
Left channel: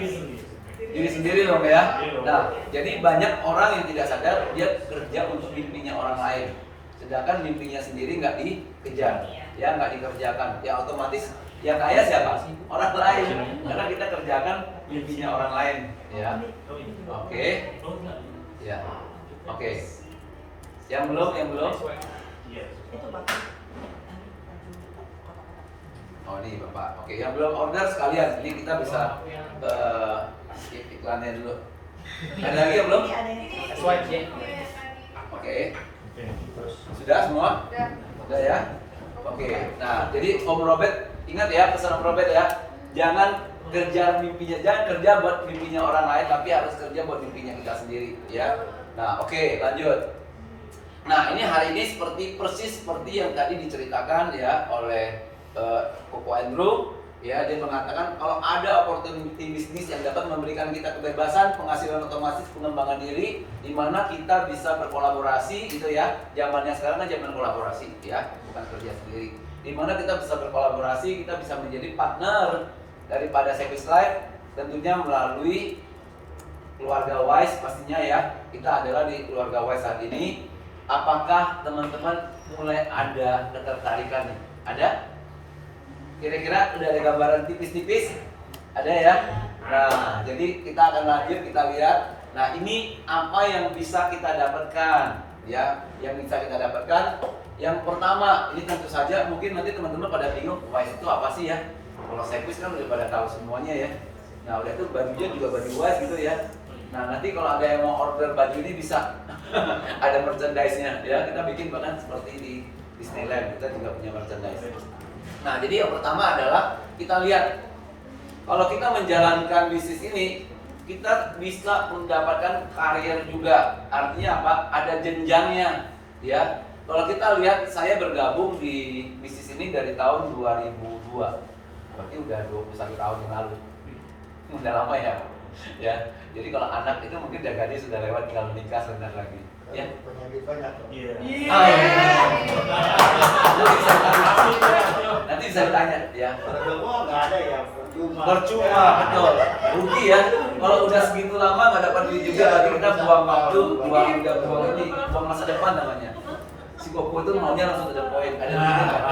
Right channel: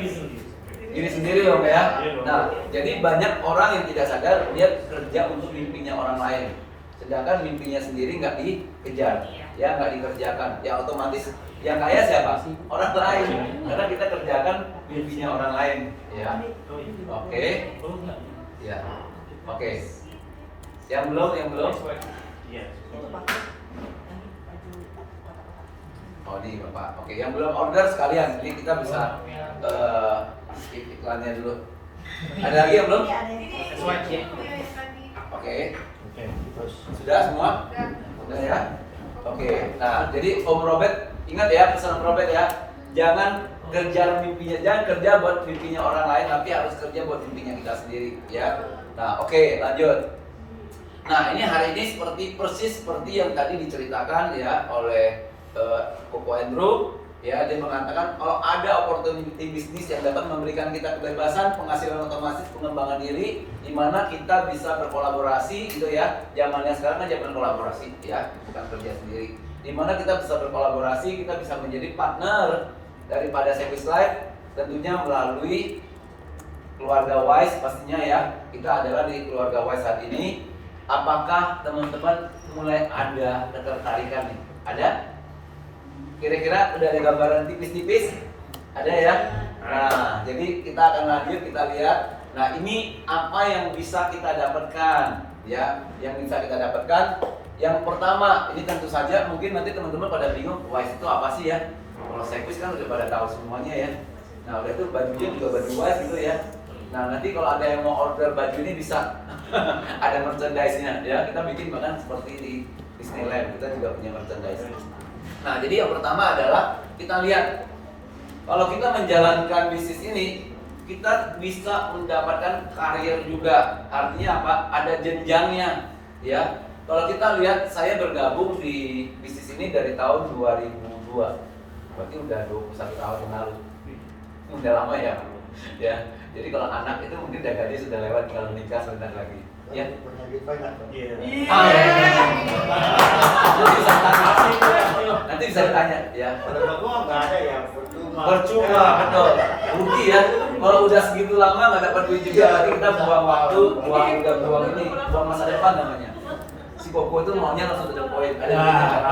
Diri sendiri dong ya. Nah, jadi banyak orang yang tidak sadar dia kerja untuk mimpinya orang lain, sedangkan mimpinya sendiri nggak dikejar, ya nggak dikerjakan. Ya otomatis yang kaya siapa? Orang lain, karena kita kerjakan mimpinya orang lain. Ya, oke. Ya, oke. Yang belum? Oh ini Bapak. Oke, yang belum order sekalian, ini kita bisa skip iklannya dulu. Ada lagi yang belum? Oke. Terus Sudah semua? Sudah ya? Oke. Nah, jadi Om Robert ingat ya pesan Om Robert ya. Jangan kerja buat mimpinya orang lain, tapi harus kerja buat mimpinya kita sendiri ya. Nah, oke, lanjut. Nah, ini hari ini persis seperti yang tadi diceritakan ya oleh Koko Andrew. Ya, dia mengatakan kalau ada opportunity bisnis yang dapat memberikan kita kebebasan, penghasilan otomatis, pengembangan diri, di mana kita bisa berkolaborasi gitu ya. Zamannya sekarang kan zaman kolaborasi ya, bukan kerja sendiri. Di mana kita bisa berkolaborasi, kita bisa menjadi partner daripada Sekwis Life, tentunya melalui keluarga Wise pastinya ya. Kita adalah di keluarga Wise saat ini. Apakah teman-teman mulai ada ketertarikan nih? Ada? Kira-kira udah ada gambaran tipis-tipis? Ada ya? Nah, jadi kita akan lanjut, kita lihat. Nah, ini apa yang bisa kita dapatkan? Ya, yang bisa kita dapatkan. Yang pertama, ini tentu saja mungkin nanti teman-teman pada bingung, Wise itu apa sih ya? Kalau service kan udah pada tahu semuanya ya. Nah, udah itu bajunya juga baju Wise gitu ya. Nah, nanti kalau ada yang mau order baju ini bisa ada merchandise-nya ya. Kita bikin bahkan seperti di Disneyland, kita juga punya merchandise. Nah, jadi yang pertama adalah kita lihat kalau kita menjalankan bisnis ini, kita bisa mendapatkan karir juga. Artinya apa? Ada jenjangnya ya. Kalau kita lihat, saya bergabung di bisnis ini dari tahun 2002. Berarti udah 21 tahun yang lalu. Udah lama ya. Ya. Jadi kalau anak itu mungkin udah gadis sudah lewat, tinggal menikah sebentar lagi. Ya. Punya duit banyak. Iya. Nanti bisa ditanya ya. Kalau gua nggak ada ya, percuma. Percuma, betul. Rugi ya. Kalau udah segitu lama nggak dapat duit juga, berarti kita buang waktu, buang masa depan namanya. Si Koko itu maunya langsung to the point. Ada duitnya nggak?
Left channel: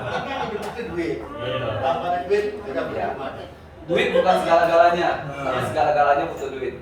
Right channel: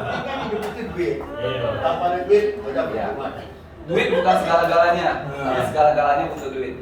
Penting kan hidup itu duit. Betul. Tanpa ada duit, udah Ya. percuma. Duit bukan segala-galanya, tapi segala-galanya butuh duit.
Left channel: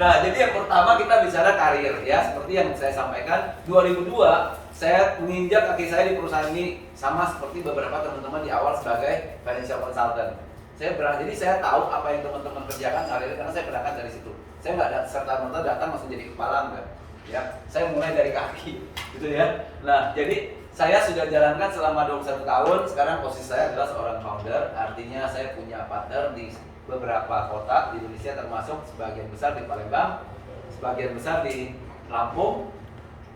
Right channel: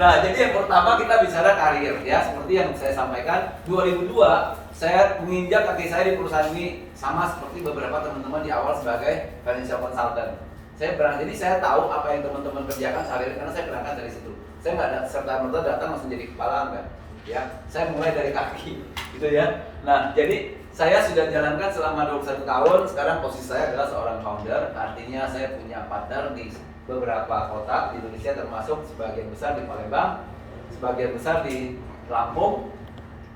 Nah, jadi yang pertama kita bicara karir ya, seperti yang saya sampaikan. 2002 saya menginjak kaki saya di perusahaan ini sama seperti beberapa teman-teman di awal sebagai financial consultant. Jadi saya tahu apa yang teman-teman kerjakan sehari-hari karena saya berangkat dari situ. Saya nggak serta-merta datang langsung jadi kepala enggak. Ya, saya mulai dari kaki, gitu ya. Nah, jadi saya sudah jalankan selama 21 tahun. Sekarang posisi saya adalah seorang founder, artinya saya punya partner di beberapa kota di Indonesia, termasuk sebagian besar di Palembang, sebagian besar di Lampung,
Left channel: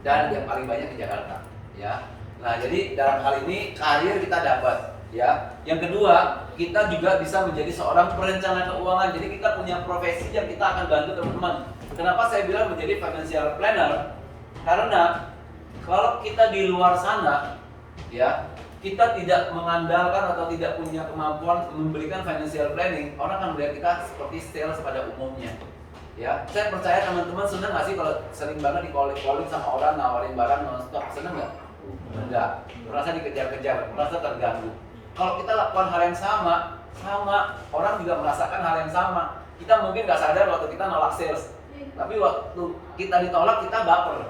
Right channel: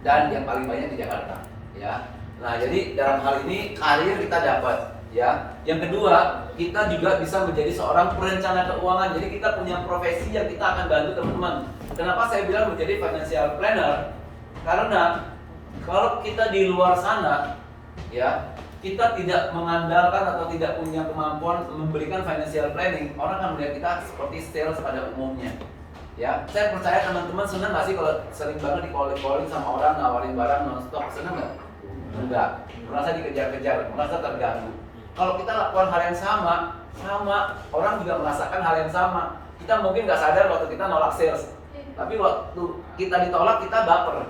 dan yang paling banyak di Jakarta. Ya, nah jadi dalam hal ini karir kita dapat. Ya, yang kedua kita juga bisa menjadi seorang perencana keuangan. Jadi kita punya profesi yang kita akan bantu teman-teman. Kenapa saya bilang menjadi financial planner? Karena kalau kita di luar sana, ya kita tidak mengandalkan atau tidak punya kemampuan memberikan financial planning, orang akan melihat kita seperti sales pada umumnya. Ya, saya percaya teman-teman senang nggak sih kalau sering banget di-calling sama orang nawarin barang non-stop, senang nggak? Enggak, merasa dikejar-kejar, merasa terganggu. Kalau kita lakukan hal yang sama orang juga merasakan hal yang sama. Kita mungkin nggak sadar waktu kita nolak sales, tapi waktu kita ditolak kita baper.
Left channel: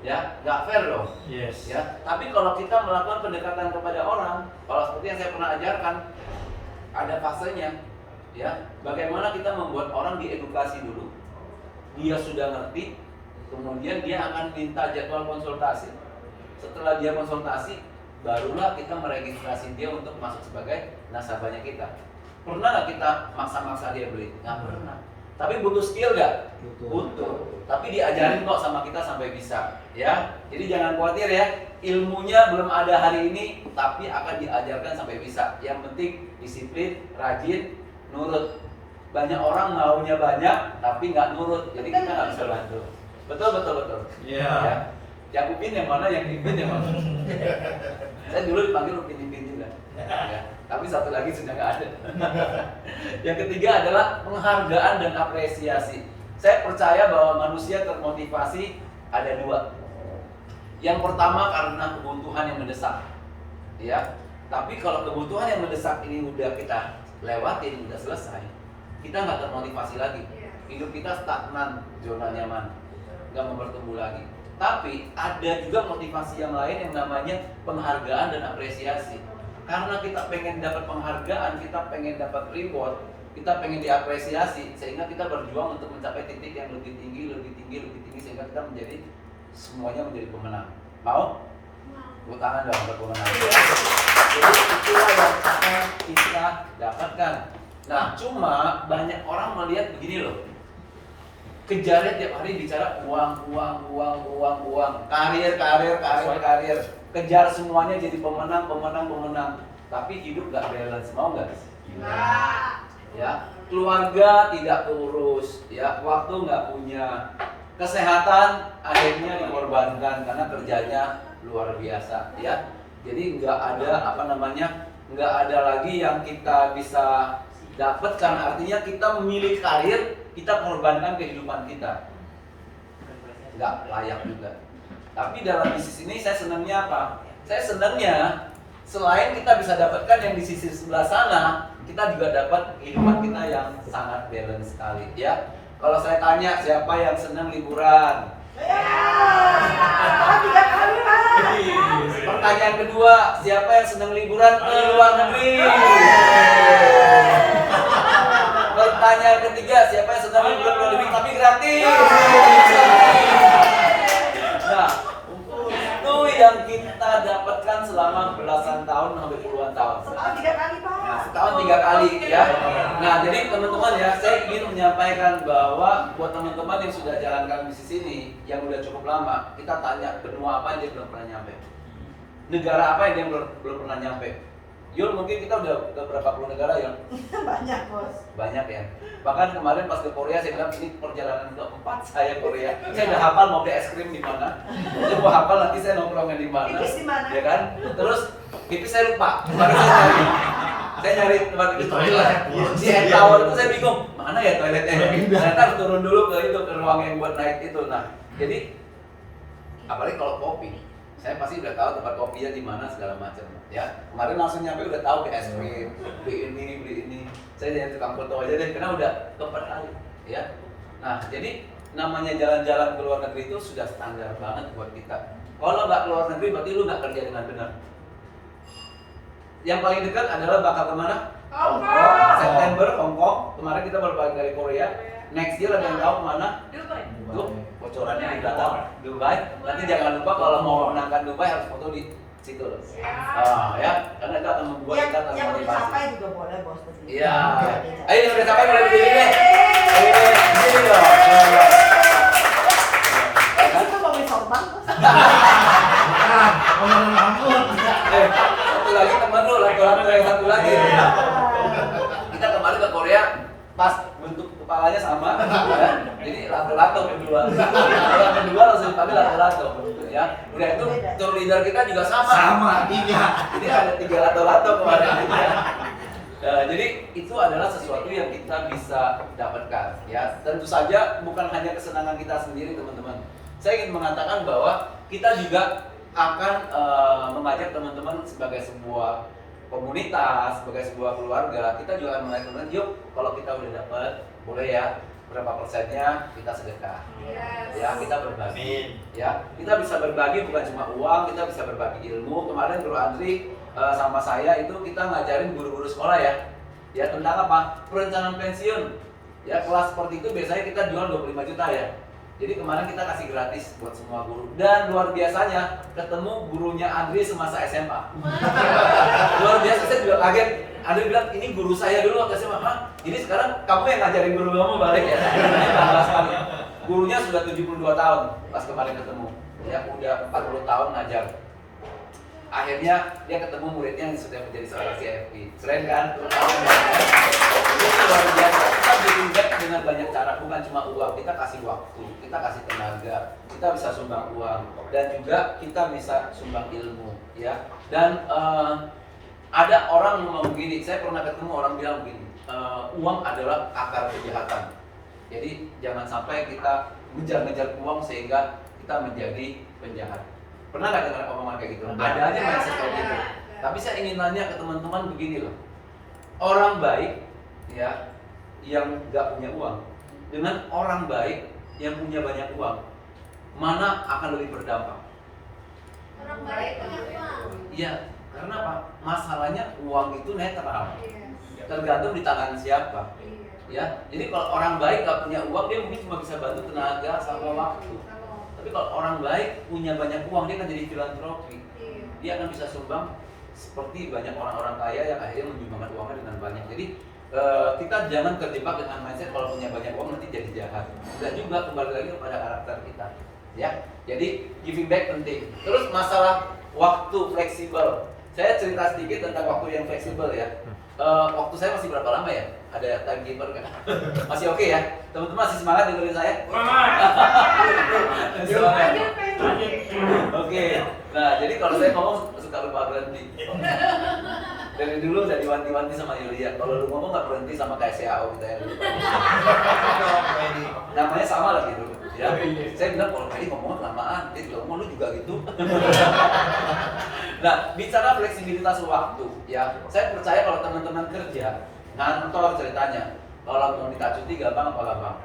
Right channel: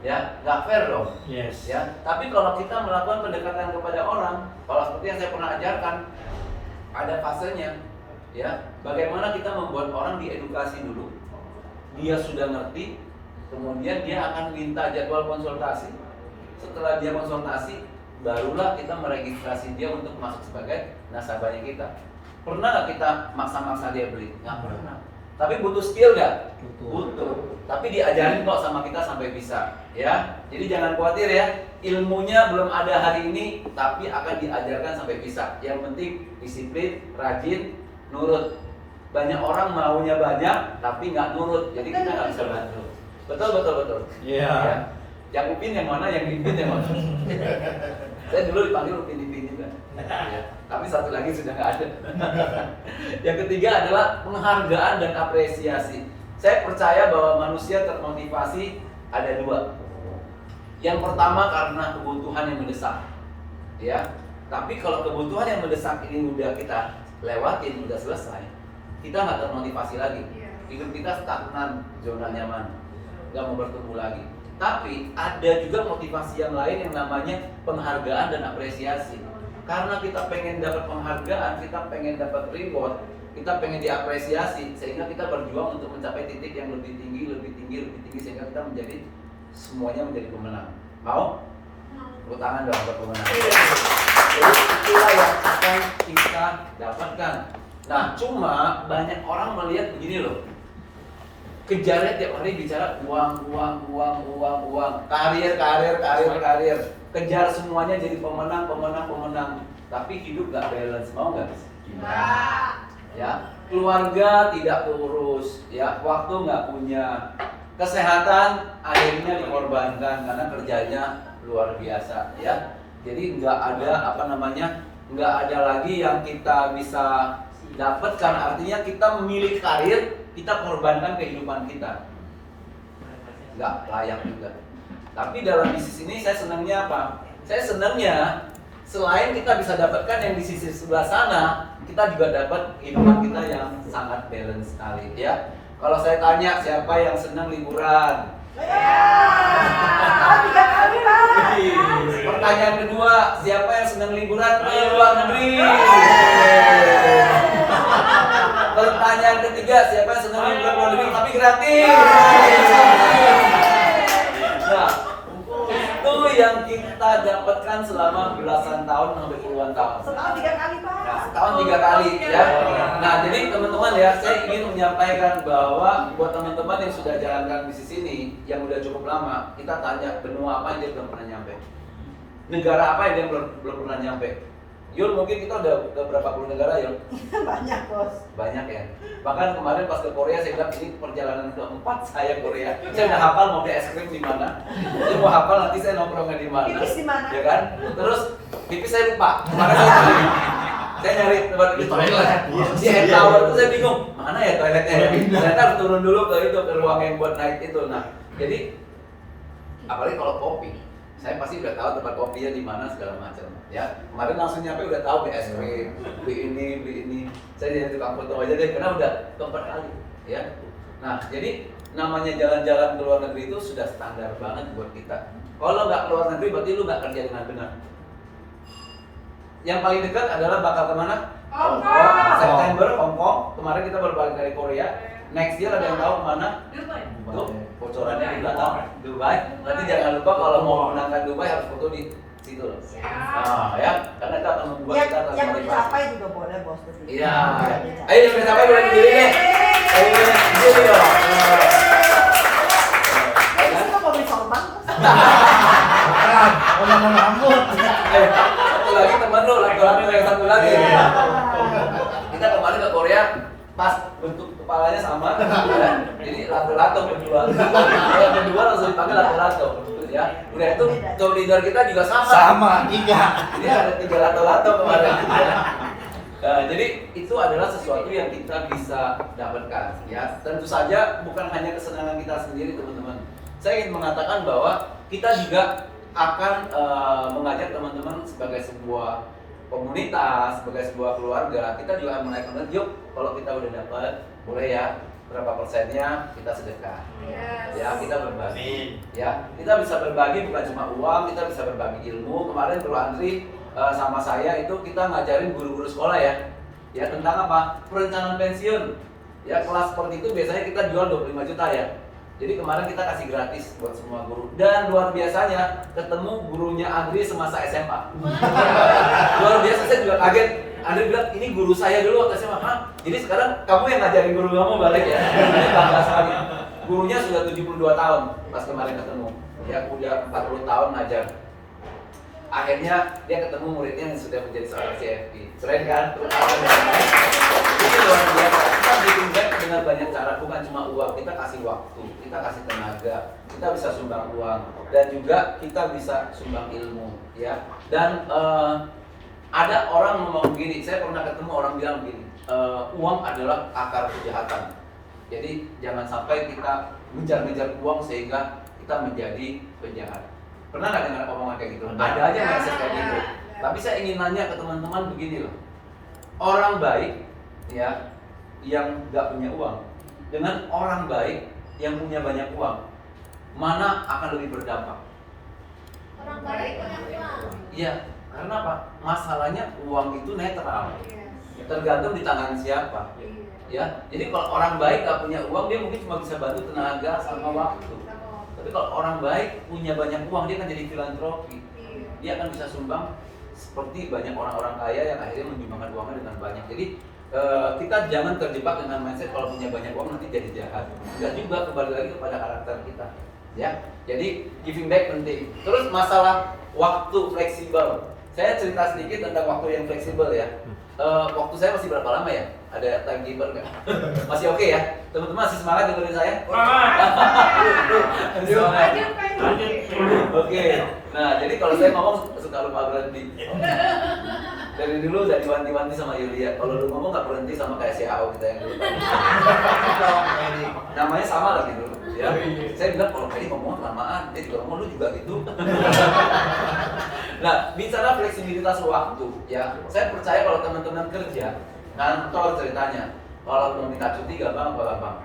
Ya, nggak fair dong. Yes. Ya, tapi kalau kita melakukan pendekatan kepada orang, kalau seperti yang saya pernah ajarkan, ada fasenya. Ya, bagaimana kita membuat orang diedukasi dulu, dia sudah ngerti, kemudian dia akan minta jadwal konsultasi. Setelah dia konsultasi, barulah kita meregistrasi dia untuk masuk sebagai nasabahnya kita. Pernah nggak kita maksa-maksa dia beli? Nggak pernah. Tapi butuh skill nggak? Butuh. Tapi diajarin kok sama kita sampai bisa. Ya, jadi jangan khawatir ya. Ilmunya belum ada hari ini, tapi akan diajarkan sampai bisa. Yang penting disiplin, rajin, nurut. Banyak orang maunya banyak, tapi nggak nurut. Jadi kita nggak bisa bantu. Betul. Iya. Ya. Yang Upin yang mana, yang Dipin yang mana? Saya dulu dipanggil Upin Dipin juga. Ya. Tapi satu lagi sudah nggak ada. Yang ketiga adalah penghargaan dan apresiasi. Saya percaya bahwa manusia termotivasi ada dua. Yang pertama karena kebutuhan yang mendesak, ya. Tapi kalau kebutuhan yang mendesak ini udah kita lewatin, udah selesai, kita nggak termotivasi lagi. Hidup kita stagnan, zona nyaman, nggak mau bertumbuh lagi. Tapi ada juga motivasi yang lain yang namanya penghargaan dan apresiasi. Karena kita pengen dapat penghargaan, kita pengen dapat reward, kita pengen diapresiasi, sehingga kita berjuang untuk mencapai titik yang lebih tinggi, sehingga kita menjadi semuanya menjadi pemenang. Mau? Tepuk tangan dong buat pemenang. Jadi itulah yang akan kita dapatkan. Nah, cuma banyak orang melihat begini loh. Kejarnya tiap hari bicara uang, karir. Kejar semuanya jadi pemenang. Tapi hidup gak balance, mau gak? Ya, keluarga tidak urus, ya, waktu nggak punya, kesehatan akhirnya dikorbankan karena kerjanya luar biasa, ya. Jadi nggak ada nggak ada lagi yang kita bisa dapatkan. Artinya kita memilih karir, kita mengorbankan kehidupan kita, nggak layak juga. Tapi dalam bisnis ini saya senangnya apa? Saya senangnya selain kita bisa dapatkan yang di sisi sebelah sana, kita juga dapat kehidupan kita yang sangat balance sekali ya. Kalau saya tanya siapa yang senang liburan? Ya, 3 kali lah. Pertanyaan kedua, siapa yang senang liburan ke luar negeri? Pertanyaan ketiga, siapa yang senang liburan ke luar negeri tapi gratis? Nah, itu yang kita dapatkan selama belasan tahun sampai puluhan tahun. Setahun 3 kali, Pak. Nah, setahun 3 kali ya. Nah, jadi teman-teman ya, saya ingin menyampaikan bahwa buat teman-teman yang sudah jalankan bisnis ini, yang udah cukup lama, kita tanya benua apa yang dia belum pernah nyampe, negara apa yang dia belum pernah nyampe. Yul, mungkin kita udah ke berapa puluh negara, Yul? Banyak, Bos. Banyak ya. Bahkan kemarin pas ke Korea saya bilang ini perjalanan keempat saya Korea. Saya udah hafal mau beli es krim di mana. Saya mau hafal nanti saya nongkrongnya di mana. Pipis di mana? Ya kan? Terus pipis saya lupa. Maka saya nyari tempat pipis. Di toilet. Di head tower itu saya bingung, mana ya toiletnya? Ternyata harus turun dulu ke ruang yang buat naik itu. Nah, jadi apalagi kalau kopi, saya pasti udah tahu tempat kopinya di mana segala macam ya. Kemarin langsung nyampe udah tahu beli es krim, beli ini. Saya jadi tukang foto aja deh karena udah keempat kali ya. Nah, jadi namanya jalan-jalan ke luar negeri itu sudah standar banget buat kita. Kalau nggak ke luar negeri berarti lu nggak kerja dengan benar. Yang paling dekat adalah bakal kemana? Hong Kong. September Hong Kong. Kemarin kita baru balik dari Korea. Next year ada yang tahu kemana? Tuh, bocorannya di belakang. Dubai. Nanti jangan lupa kalau mau memenangkan Dubai harus foto di situ. Oh, ya, karena itu akan membuat kita Yang udah termotivasi. dicapai juga boleh, Bos. Iya. Ayo yang udah capai boleh berdiri deh. Berdiri dong. Ini tuh mau beli sorban, Bos. Bukan, orang rambut. Satu lagi temen lu, laki-laki yang satu lagi. Kita kemarin ke Korea, pas bentuk kepalanya sama, ya. Jadi lato-lato berdua. Kalau berdua langsung dipanggil lato-lato, ya. Udah itu tour leader kita juga sama. Sama, 3. Jadi ada 3 lato-lato kemarin, ya. Nah, jadi itu adalah sesuatu yang kita bisa dapatkan, ya. Tentu saja bukan hanya kesenangan kita sendiri, teman-teman. Saya ingin mengatakan bahwa kita juga akan mengajak teman-teman sebagai sebuah komunitas, sebagai sebuah keluarga. Kita juga akan mengajak teman-teman, yuk kalau kita udah dapat, boleh ya berapa persennya kita sedekah. Ya, kita berbagi. Ya, kita bisa berbagi bukan cuma uang, kita bisa berbagi ilmu. Kemarin Bro Andri sama saya itu kita ngajarin guru-guru sekolah ya. Ya, tentang apa? Perencanaan pensiun. Ya, kelas seperti itu biasanya kita jual 25 juta ya. Jadi kemarin kita kasih gratis buat semua guru. Dan luar biasanya ketemu gurunya Andri semasa SMA. Luar biasa, saya juga kaget. Andri bilang, ini guru saya dulu waktu SMA. Hah? Jadi sekarang kamu yang ngajarin guru kamu balik ya? Tambah sekali. Gurunya sudah 72 tahun pas kemarin ketemu. Ya, udah 40 tahun ngajar. Akhirnya dia ketemu muridnya yang sudah menjadi seorang CFP. Keren kan? Itu luar biasa. Kita giving back dengan banyak cara, bukan cuma uang. Kita kasih waktu, kita kasih tenaga, kita bisa sumbang uang, dan juga kita bisa sumbang ilmu, ya. Dan ada orang ngomong begini, saya pernah ketemu orang bilang begini, uang adalah akar kejahatan. Jadi jangan sampai kita mengejar-ngejar uang sehingga kita menjadi penjahat. Pernah nggak dengar omongan kayak gitu? Ada aja mindset kayak gitu. Tapi saya ingin nanya ke teman-teman begini loh. Orang baik ya yang nggak punya uang dengan orang baik yang punya banyak uang, mana akan lebih berdampak? Orang baik punya uang. Iya, karena apa? Masalahnya uang itu netral, tergantung di tangan siapa. Ya, jadi kalau orang baik nggak punya uang, dia mungkin cuma bisa bantu tenaga sama waktu. Tapi kalau orang baik punya banyak uang, dia akan jadi filantropi. Dia akan bisa sumbang seperti banyak orang-orang kaya yang akhirnya menyumbangkan uangnya dengan banyak. Jadi kita jangan terjebak dengan mindset kalau punya banyak uang nanti jadi jahat. Dan juga kembali lagi kepada karakter kita. Ya, jadi giving back penting. Terus masalah waktu fleksibel. Saya cerita sedikit tentang waktu yang fleksibel ya. Waktu saya masih berapa lama ya? Ada timekeeper kan? Masih oke ya? Teman-teman masih semangat dengerin saya? Semangat. Oke. Nah, jadi kalau saya ngomong suka lupa berhenti. Dari dulu udah diwanti-wanti sama Yulia. Kalau lu ngomong nggak berhenti sama kayak CAO kita yang dulu. Namanya sama lagi dulu. Ya, saya bilang kalau tadi ngomong lamaan, dia juga ngomong lu juga gitu. Nah, bicara fleksibilitas waktu, ya, saya percaya kalau teman-teman kerja, kantor ceritanya, kalau mau minta cuti gampang apa gampang?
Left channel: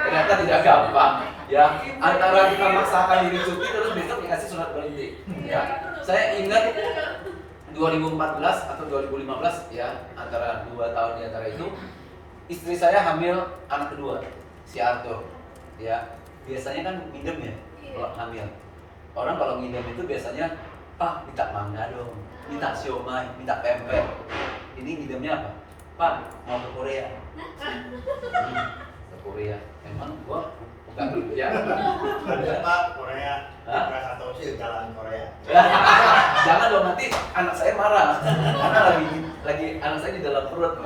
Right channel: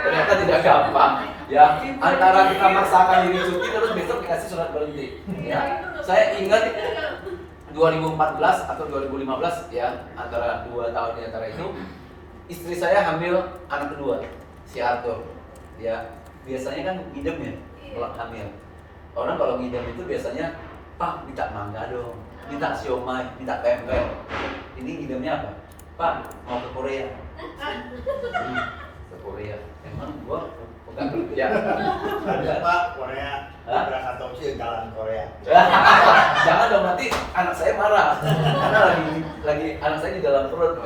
Ternyata tidak gampang, ya. Antara kita maksakan diri cuti terus besok dikasih surat berhenti. Ya, saya ingat 2014 atau 2015 ya, antara 2 tahun di antara itu, istri saya hamil anak kedua, si Arthur. Ya, biasanya kan ngidem ya, kalau hamil. Orang kalau ngidem itu biasanya, Pak, minta mangga dong, minta siomay, minta pempek. Ini ngidemnya apa? Pak, mau ke Korea. Ke Korea. Emang gua pegang dulu ya. Ada Pak Korea. Hah? Krakatauchi jalan Korea. Jangan dong, nanti anak saya marah. Karena lagi anak saya di dalam perut.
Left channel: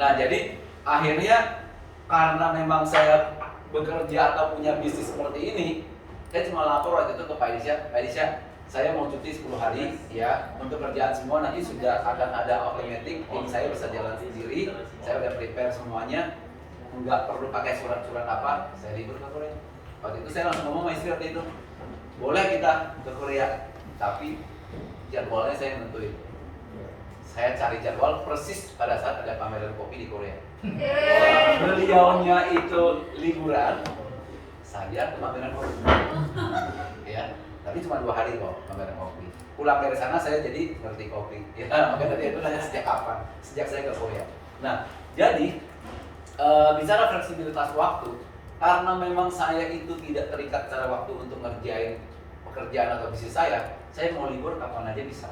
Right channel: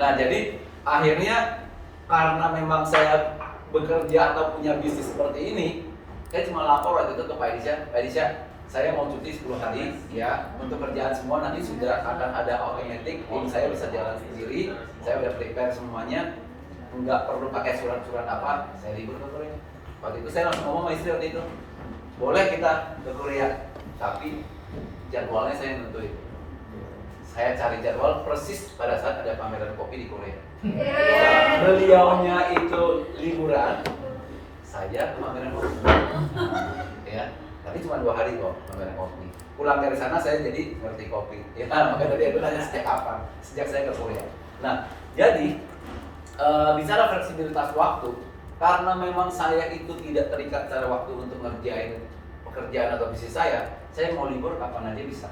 Nah, jadi akhirnya karena memang saya bekerja atau punya bisnis seperti ini, saya cuma lapor waktu itu ke Pak Elisha, saya mau cuti 10 hari ya, untuk kerjaan semua nanti sudah akan ada automatic, ini saya bisa jalan sendiri, saya udah prepare semuanya, nggak perlu pakai surat-surat apa, saya libur ke Korea. Waktu itu saya langsung ngomong sama istri waktu itu, boleh kita ke Korea, tapi jadwalnya saya nentuin. Saya cari jadwal persis pada saat ada pameran kopi di Korea. Beliaunya itu liburan, saya ke pameran kopi. Ya, tapi cuma 2 hari kok pameran kopi. Pulang dari sana saya jadi ngerti kopi. Ya, makanya tadi itu nanya sejak kapan? Sejak saya ke Korea. Nah, jadi bicara fleksibilitas waktu, karena memang saya itu tidak terikat secara waktu untuk ngerjain pekerjaan atau bisnis saya mau libur kapan aja bisa.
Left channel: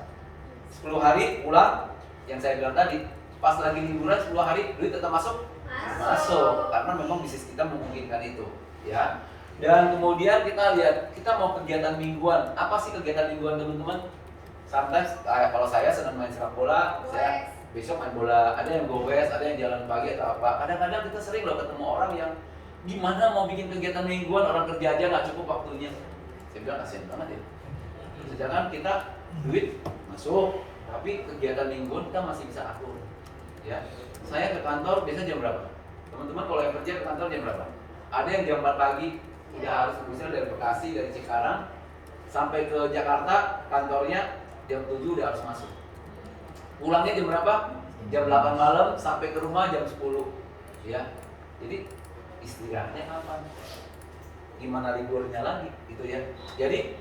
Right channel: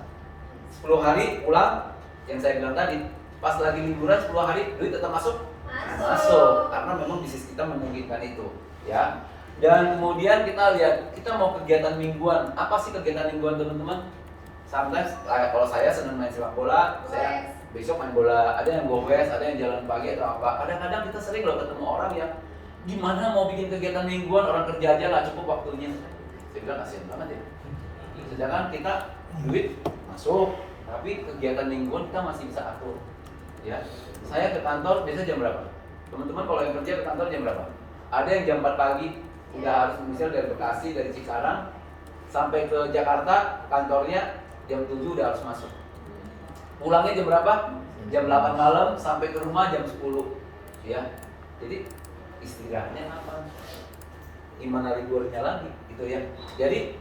10 hari pulang, yang saya bilang tadi, pas lagi liburan 10 hari duit tetap masuk? Masuk, karena memang bisnis kita memungkinkan itu, ya. Dan kemudian kita lihat, kita mau kegiatan mingguan. Apa sih kegiatan mingguan teman-teman? Sometimes kalau saya senang main sepak bola, saya besok main bola, ada yang goes, ada yang jalan pagi atau apa. Kadang-kadang kita sering loh ketemu orang yang gimana mau bikin kegiatan mingguan, orang kerja aja nggak cukup waktunya. Saya bilang kasihan banget ya. Sedangkan kita duit masuk, tapi kegiatan mingguan kita masih bisa atur. Ya, saya ke kantor biasa jam berapa? Teman-teman kalau yang kerja ke kantor jam berapa? Ada yang jam 4 pagi udah harus misal dari Bekasi, dari Cikarang sampai ke Jakarta, kantornya jam 7 udah harus masuk. Pulangnya jam berapa? Jam 8 malam sampai ke rumah jam 10. Ya. Jadi istirahatnya kapan? Gimana liburnya lagi gitu ya. Jadi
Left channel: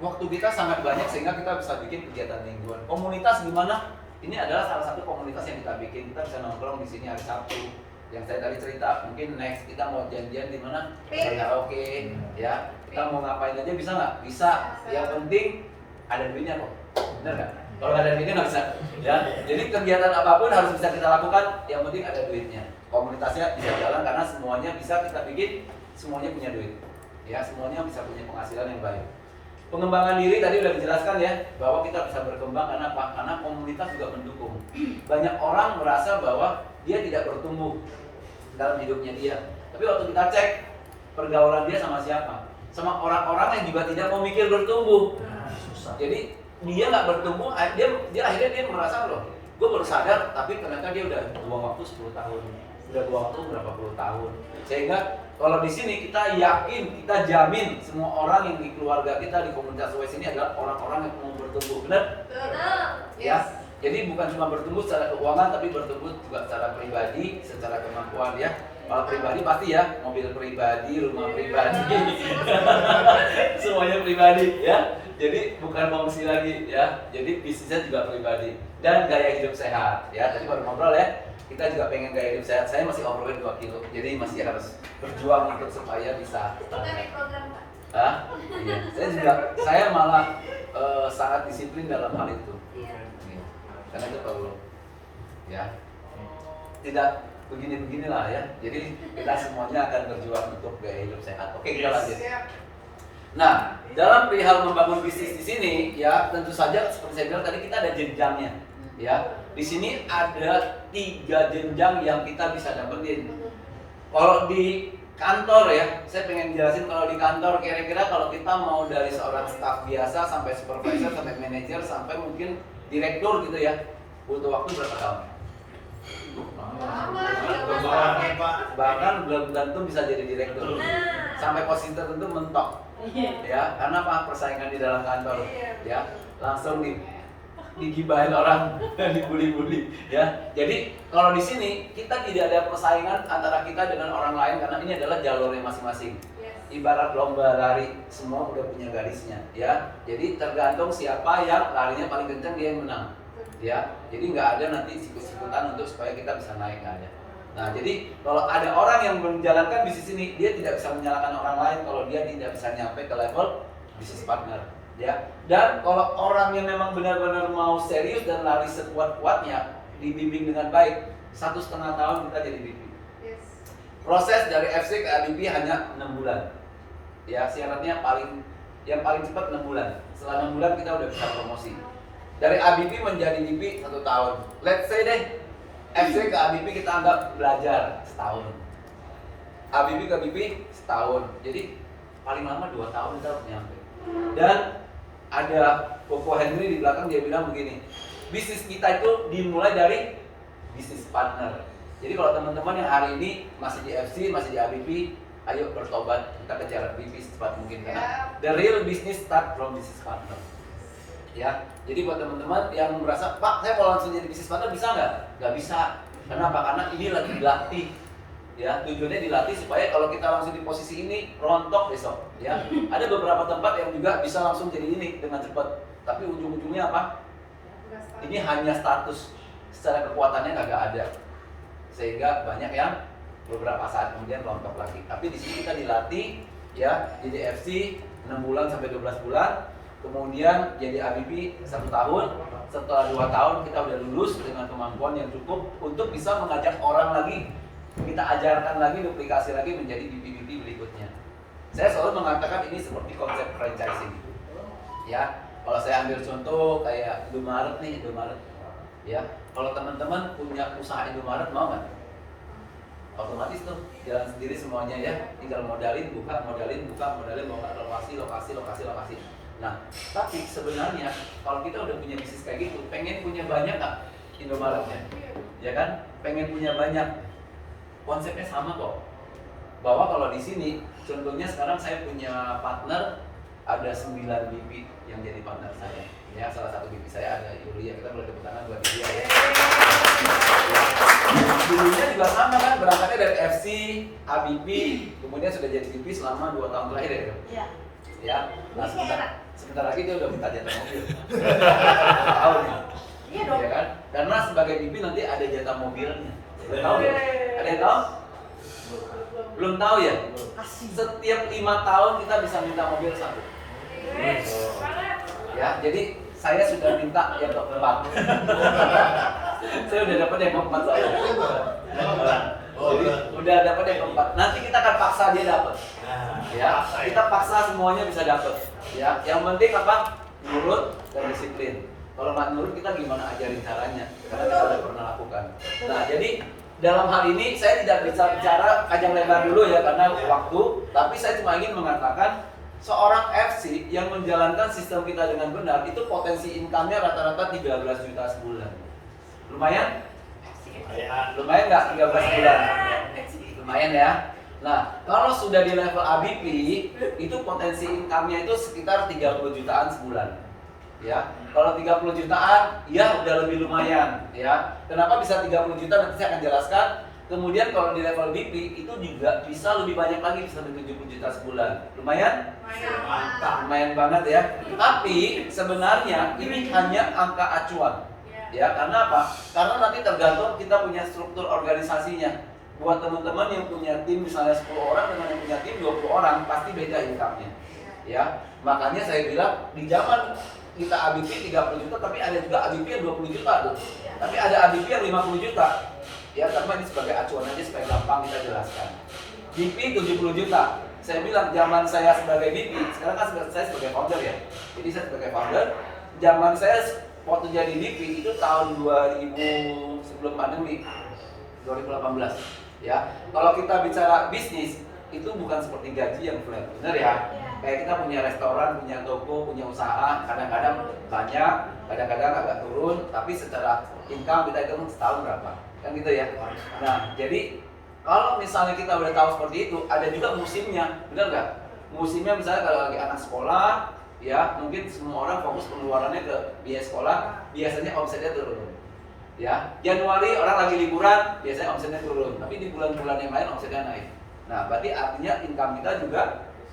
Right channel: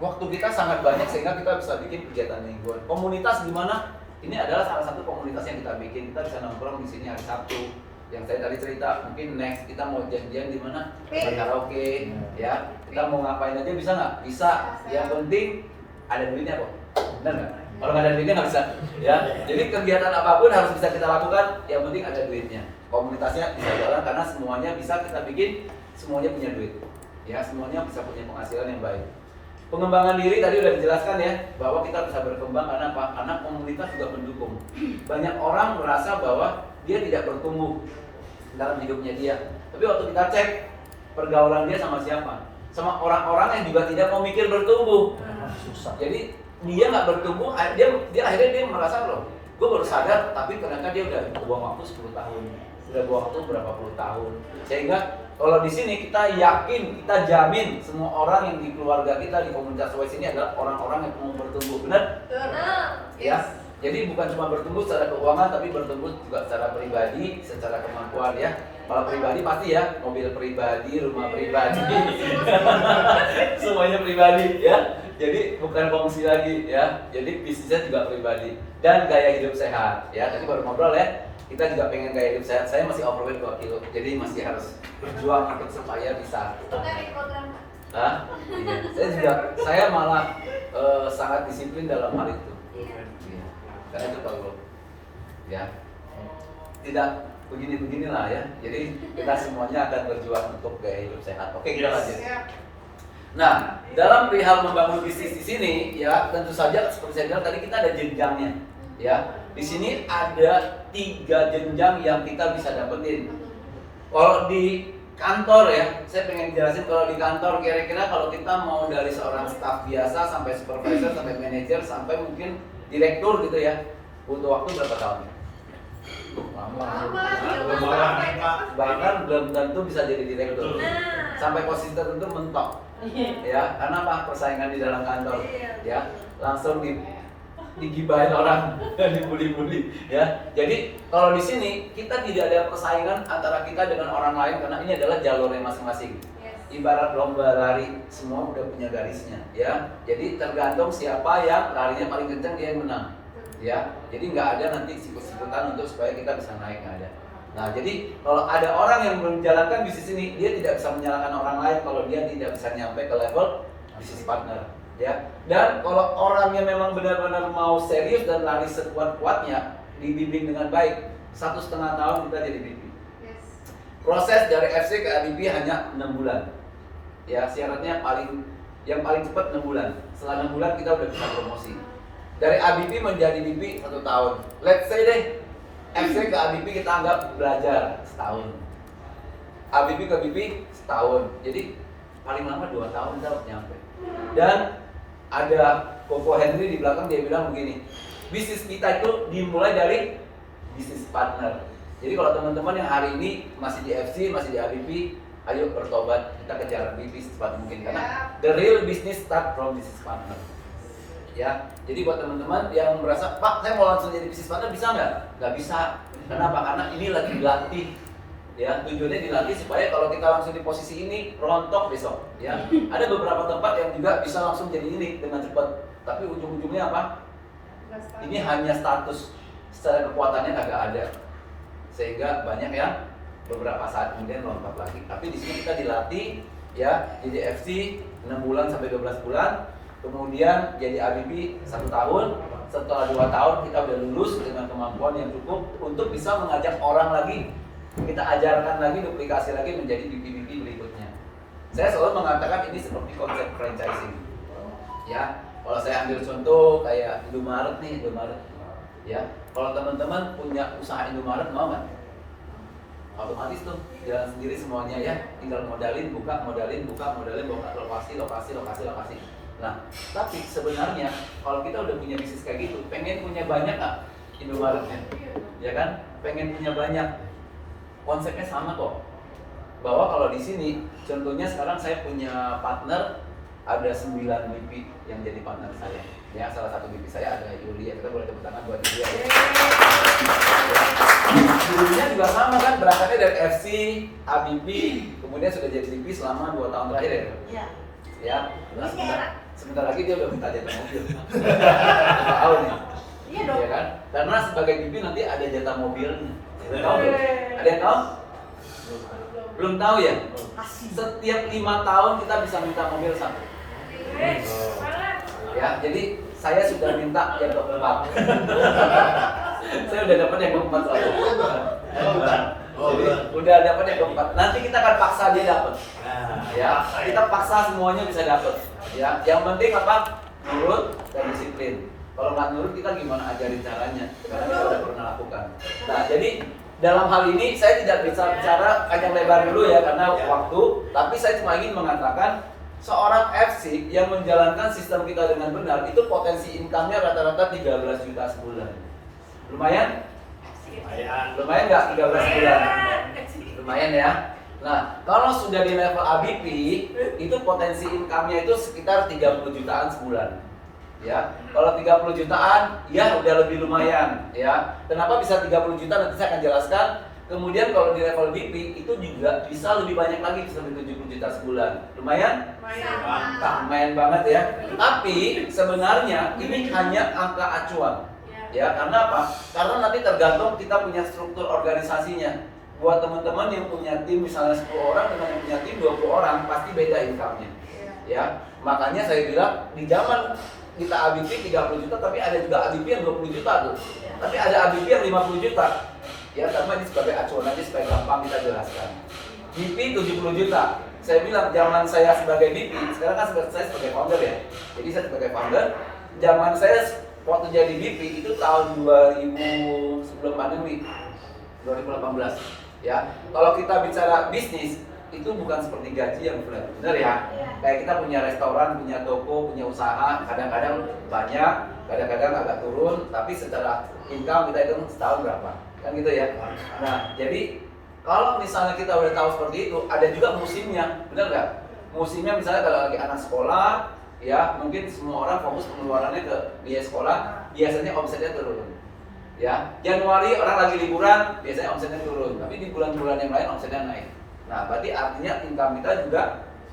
waktu kita sangat banyak sehingga kita bisa bikin kegiatan mingguan. Komunitas gimana? Ini adalah salah satu komunitas yang kita bikin. Kita bisa nongkrong di sini hari Sabtu. Yang saya tadi cerita, mungkin next kita mau janjian di mana? Di karaoke, ya. Kita mau ngapain aja bisa nggak? Bisa. Yang penting ada duitnya kok. Benar nggak? Kalau nggak ada duitnya nggak bisa. Ya. Jadi kegiatan apapun harus bisa kita lakukan. Yang penting ada duitnya. Komunitasnya bisa jalan karena semuanya bisa kita bikin. Semuanya punya duit. Ya, semuanya bisa punya penghasilan yang baik. Pengembangan diri tadi udah dijelaskan ya, bahwa kita bisa berkembang karena apa? Karena komunitas juga mendukung. Banyak orang merasa bahwa dia tidak bertumbuh dalam hidupnya dia. Tapi waktu kita cek pergaulan dia sama siapa? Sama orang-orang yang juga tidak mau mikir bertumbuh. Susah. Jadi dia nggak bertumbuh, dia akhirnya dia merasa loh, gue baru sadar, tapi ternyata dia udah buang waktu 10 tahun, udah buang waktu berapa puluh tahun. Sehingga kalau di sini kita yakin, kita jamin semua orang yang di keluarga kita di komunitas WES ini adalah orang-orang yang mau bertumbuh, benar? Benar. Ya. Jadi bukan cuma bertumbuh secara keuangan, tapi bertumbuh juga secara pribadi, secara kemampuan ya. Kalau pribadi pasti ya, mobil pribadi, rumah pribadi, semuanya pribadi ya. Jadi bukan fungsi lagi ya. Jadi bisnisnya juga pribadi dan gaya hidup sehat ya. Tadi baru ngobrol ya. Kita juga pengen gaya hidup sehat. Saya masih overweight 2 kilo, jadi masih harus berjuang ikut supaya bisa. Itu kan di program Pak. Hah? Iya. Saya malah sangat disiplin dalam hal itu. Iya. Iya. Karena itu tahu loh. Ya. Tidak begini-beginilah ya. Jadi kita semuanya akan berjuang untuk gaya hidup sehat. Oke, kita lanjut. Nah, dalam perihal membangun bisnis di sini ya, tentu saja seperti saya bilang tadi kita ada jenjangnya. Ya, di sini ada 3 jenjang yang kita bisa dapetin. Kalau di kantor ya, saya pengen jelasin kalau di kantor kira-kira kalau kita mau dari seorang staff biasa sampai supervisor sampai manajer sampai mungkin direktur gitu ya, butuh waktu berapa tahun? Lama. Lama, Pak. Bahkan belum tentu bisa jadi direktur. Nah. Sampai posisi tertentu mentok. Ya, karena apa? Persaingan di dalam kantor. Ya, langsung digibahin orang, dibully-bully ya. Jadi kalau di sini kita tidak ada persaingan antara kita dengan orang lain karena ini adalah jalurnya masing-masing. Yes. Ibarat lomba lari, semua udah punya garisnya ya. Jadi tergantung siapa yang larinya paling kenceng dia yang menang. Ya, jadi nggak ada nanti sikut-sikutan untuk supaya kita bisa naik, nggak ada. Nah, jadi kalau ada orang yang menjalankan bisnis ini, dia tidak bisa menyalahkan orang lain kalau dia tidak bisa nyampe ke level bisnis partner, ya. Dan kalau orang yang memang benar-benar mau serius dan lari sekuat-kuatnya, dibimbing dengan baik, 1,5 tahun kita jadi VP. Yes. Proses dari FC ke ABP hanya 6 bulan. Ya, syaratnya yang paling cepat 6 bulan. Setelah 6 bulan kita udah bisa promosi. Dari ABP menjadi VP 1 tahun. Let's say deh, FC ke ABP kita anggap belajar setahun. ABP ke BP setahun. Jadi paling lama 2 tahun kita harus nyampe. Dan ada Koko Henry di belakang, dia bilang begini, bisnis kita itu dimulai dari bisnis partner. Jadi kalau teman-teman yang hari ini masih di FC, masih di ABP, ayo bertobat, kita kejar BP secepat mungkin karena the real business start from business partner. Ya, jadi buat teman-teman yang merasa, Pak, saya mau langsung jadi bisnis partner, bisa nggak? Nggak bisa. Kenapa? Karena ini lagi dilatih. Ya, tujuannya dilatih supaya kalau kita langsung di posisi ini rontok besok. Ya, ada beberapa tempat yang juga bisa langsung jadi ini dengan cepat. Tapi ujung-ujungnya apa? Ini hanya status, secara kekuatannya nggak ada. Sehingga banyak yang beberapa saat kemudian rontok lagi. Tapi di sini kita dilatih, ya, jadi FC 6 bulan sampai 12 bulan. Kemudian jadi ABP 1 tahun, setelah 2 tahun kita udah lulus dengan kemampuan yang cukup untuk bisa mengajak orang lagi, kita ajarkan lagi, duplikasi lagi menjadi BP-BP berikutnya. Saya selalu mengatakan ini seperti konsep franchising. Ya, kalau saya ambil contoh kayak Indomaret nih, Indomaret. Ya, kalau teman-teman punya usaha Indomaret mau nggak? Otomatis tuh jalan sendiri semuanya ya, tinggal modalin, buka, lokasi. Nah, tapi sebenarnya kalau kita udah punya bisnis kayak gitu, pengen punya banyak nggak Indomaretnya? Ya kan? Pengen punya banyak. Konsepnya sama kok. Bahwa kalau di sini, contohnya sekarang saya punya partner, ada 9 BP yang jadi partner saya. Ya, salah satu BP saya ada Yulia, kita boleh tepuk tangan buat dia ya. Dulunya juga sama kan, berangkatnya dari FC, ABP, kemudian sudah jadi BP selama 2 tahun terakhir ya. Iya. Ya, nah, Ini sebentar lagi dia udah minta jatah mobil. Tahu nih. Iya dong. Ya kan? Karena sebagai BP nanti ada jatah mobilnya. Udah tahu belum? Ada yang tahu? Belum tahu ya? Asik. Setiap 5 tahun kita bisa minta mobil 1. Yes. Ya, jadi saya sudah minta yang keempat. Saya udah dapat yang keempat soalnya. Jadi udah dapat yang keempat. Nanti kita akan paksa dia dapat. Ya, kita paksa semuanya bisa dapat. Ya, yang penting apa? Nurut dan disiplin. Kalau nggak nurut kita gimana ajarin caranya? Karena kita udah pernah lakukan. Nah, jadi dalam hal ini saya tidak bisa bicara panjang lebar dulu ya karena waktu. Tapi saya cuma ingin mengatakan seorang FC yang menjalankan sistem kita dengan benar itu potensi income-nya rata-rata 13 juta sebulan. Lumayan? Lumayan nggak 13 bulan? Lumayan ya. Nah, kalau sudah di level ABP, itu potensi income-nya itu sekitar 30 jutaan sebulan. Ya, kalau 30 jutaan, ya udah lebih lumayan. Ya, kenapa bisa 30 juta? Nanti saya akan jelaskan. Kemudian kalau di level BP itu juga bisa lebih banyak lagi, bisa sampai 70 juta sebulan. Lumayan? Lumayan banget ya. Tapi sebenarnya ini hanya angka acuan. Ya, karena apa? Karena nanti tergantung kita punya struktur organisasinya. Buat teman-teman yang punya tim misalnya 10 orang dengan yang punya tim 20 orang pasti beda income-nya. Ya, makanya saya bilang di zaman kita ABP 30 juta tapi ada juga ABP yang 20 juta tuh. Tapi ada ABP yang 50 juta. Ya, karena ini sebagai acuan aja supaya gampang kita jelaskan. BP 70 juta. Saya bilang zaman saya sebagai BP, sekarang kan saya sebagai founder ya. Jadi saya sebagai founder, zaman saya waktu jadi BP itu tahun 2000 sebelum pandemi 2018 ya. Kalau kita bicara bisnis itu bukan seperti gaji yang flat, bener ya? Kayak kita punya restoran, punya toko, punya usaha, kadang-kadang banyak, kadang-kadang agak turun, tapi secara income kita hitung setahun berapa, kan gitu ya. Nah, jadi kalau misalnya kita udah tahu seperti itu, ada juga musimnya, benar nggak? Musimnya misalnya kalau lagi anak sekolah, ya mungkin semua orang fokus pengeluarannya ke biaya sekolah, biasanya omsetnya turun. Ya, Januari orang lagi liburan, biasanya omsetnya turun, tapi di bulan-bulan yang lain omsetnya naik. Nah, berarti artinya income kita juga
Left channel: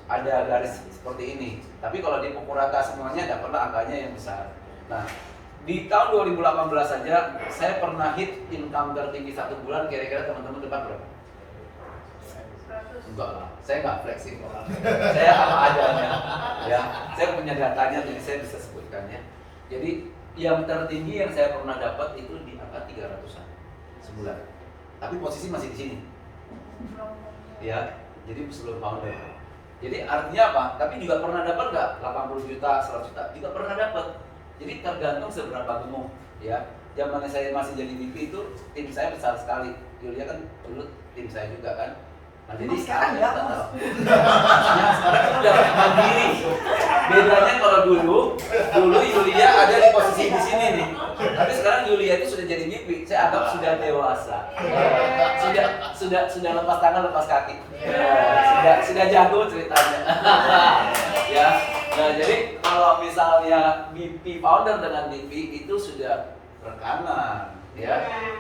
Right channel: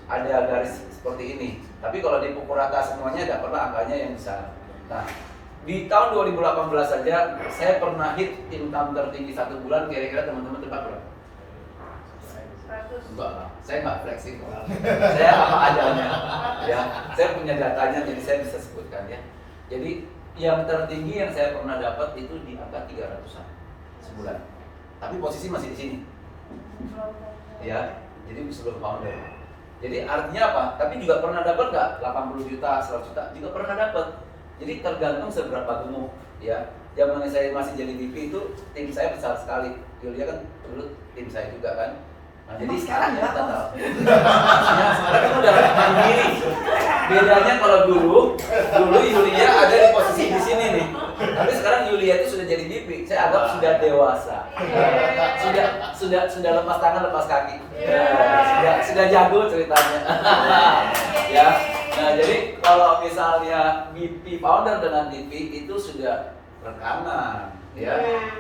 ada garis seperti ini. Tapi kalau dipukul rata semuanya, tidak pernah angkanya yang besar. Nah, di tahun 2018 saja, saya pernah hit income tertinggi satu bulan, kira-kira teman-teman tebak berapa? 100. Enggak lah, saya nggak fleksibel. Saya apa adanya, ya. Saya punya datanya, jadi saya bisa sebutkan ya. Jadi yang tertinggi yang saya pernah dapat itu di angka 300-an sebulan. Tapi posisi masih di sini, ya. Jadi sebelum founder. Jadi artinya apa? Tapi juga pernah dapat nggak 80 juta, 100 juta? Juga pernah dapat. Jadi tergantung seberapa gemuk, ya. Zaman saya masih jadi VP itu tim saya besar sekali. Yulia kan dulu tim saya juga kan. Nah, jadi Sekarang ya, enggak, tetap. Ya, sekarang kan udah mandiri. Bedanya kalau dulu Yulia ada di posisi di sini nih. Tapi sekarang Yulia itu sudah jadi VP. Saya anggap sudah dewasa. Sudah lepas tangan, lepas kaki. Sudah jago ceritanya. Ya. Nah, jadi kalau misalnya VP founder dengan VP itu sudah rekanan, ya.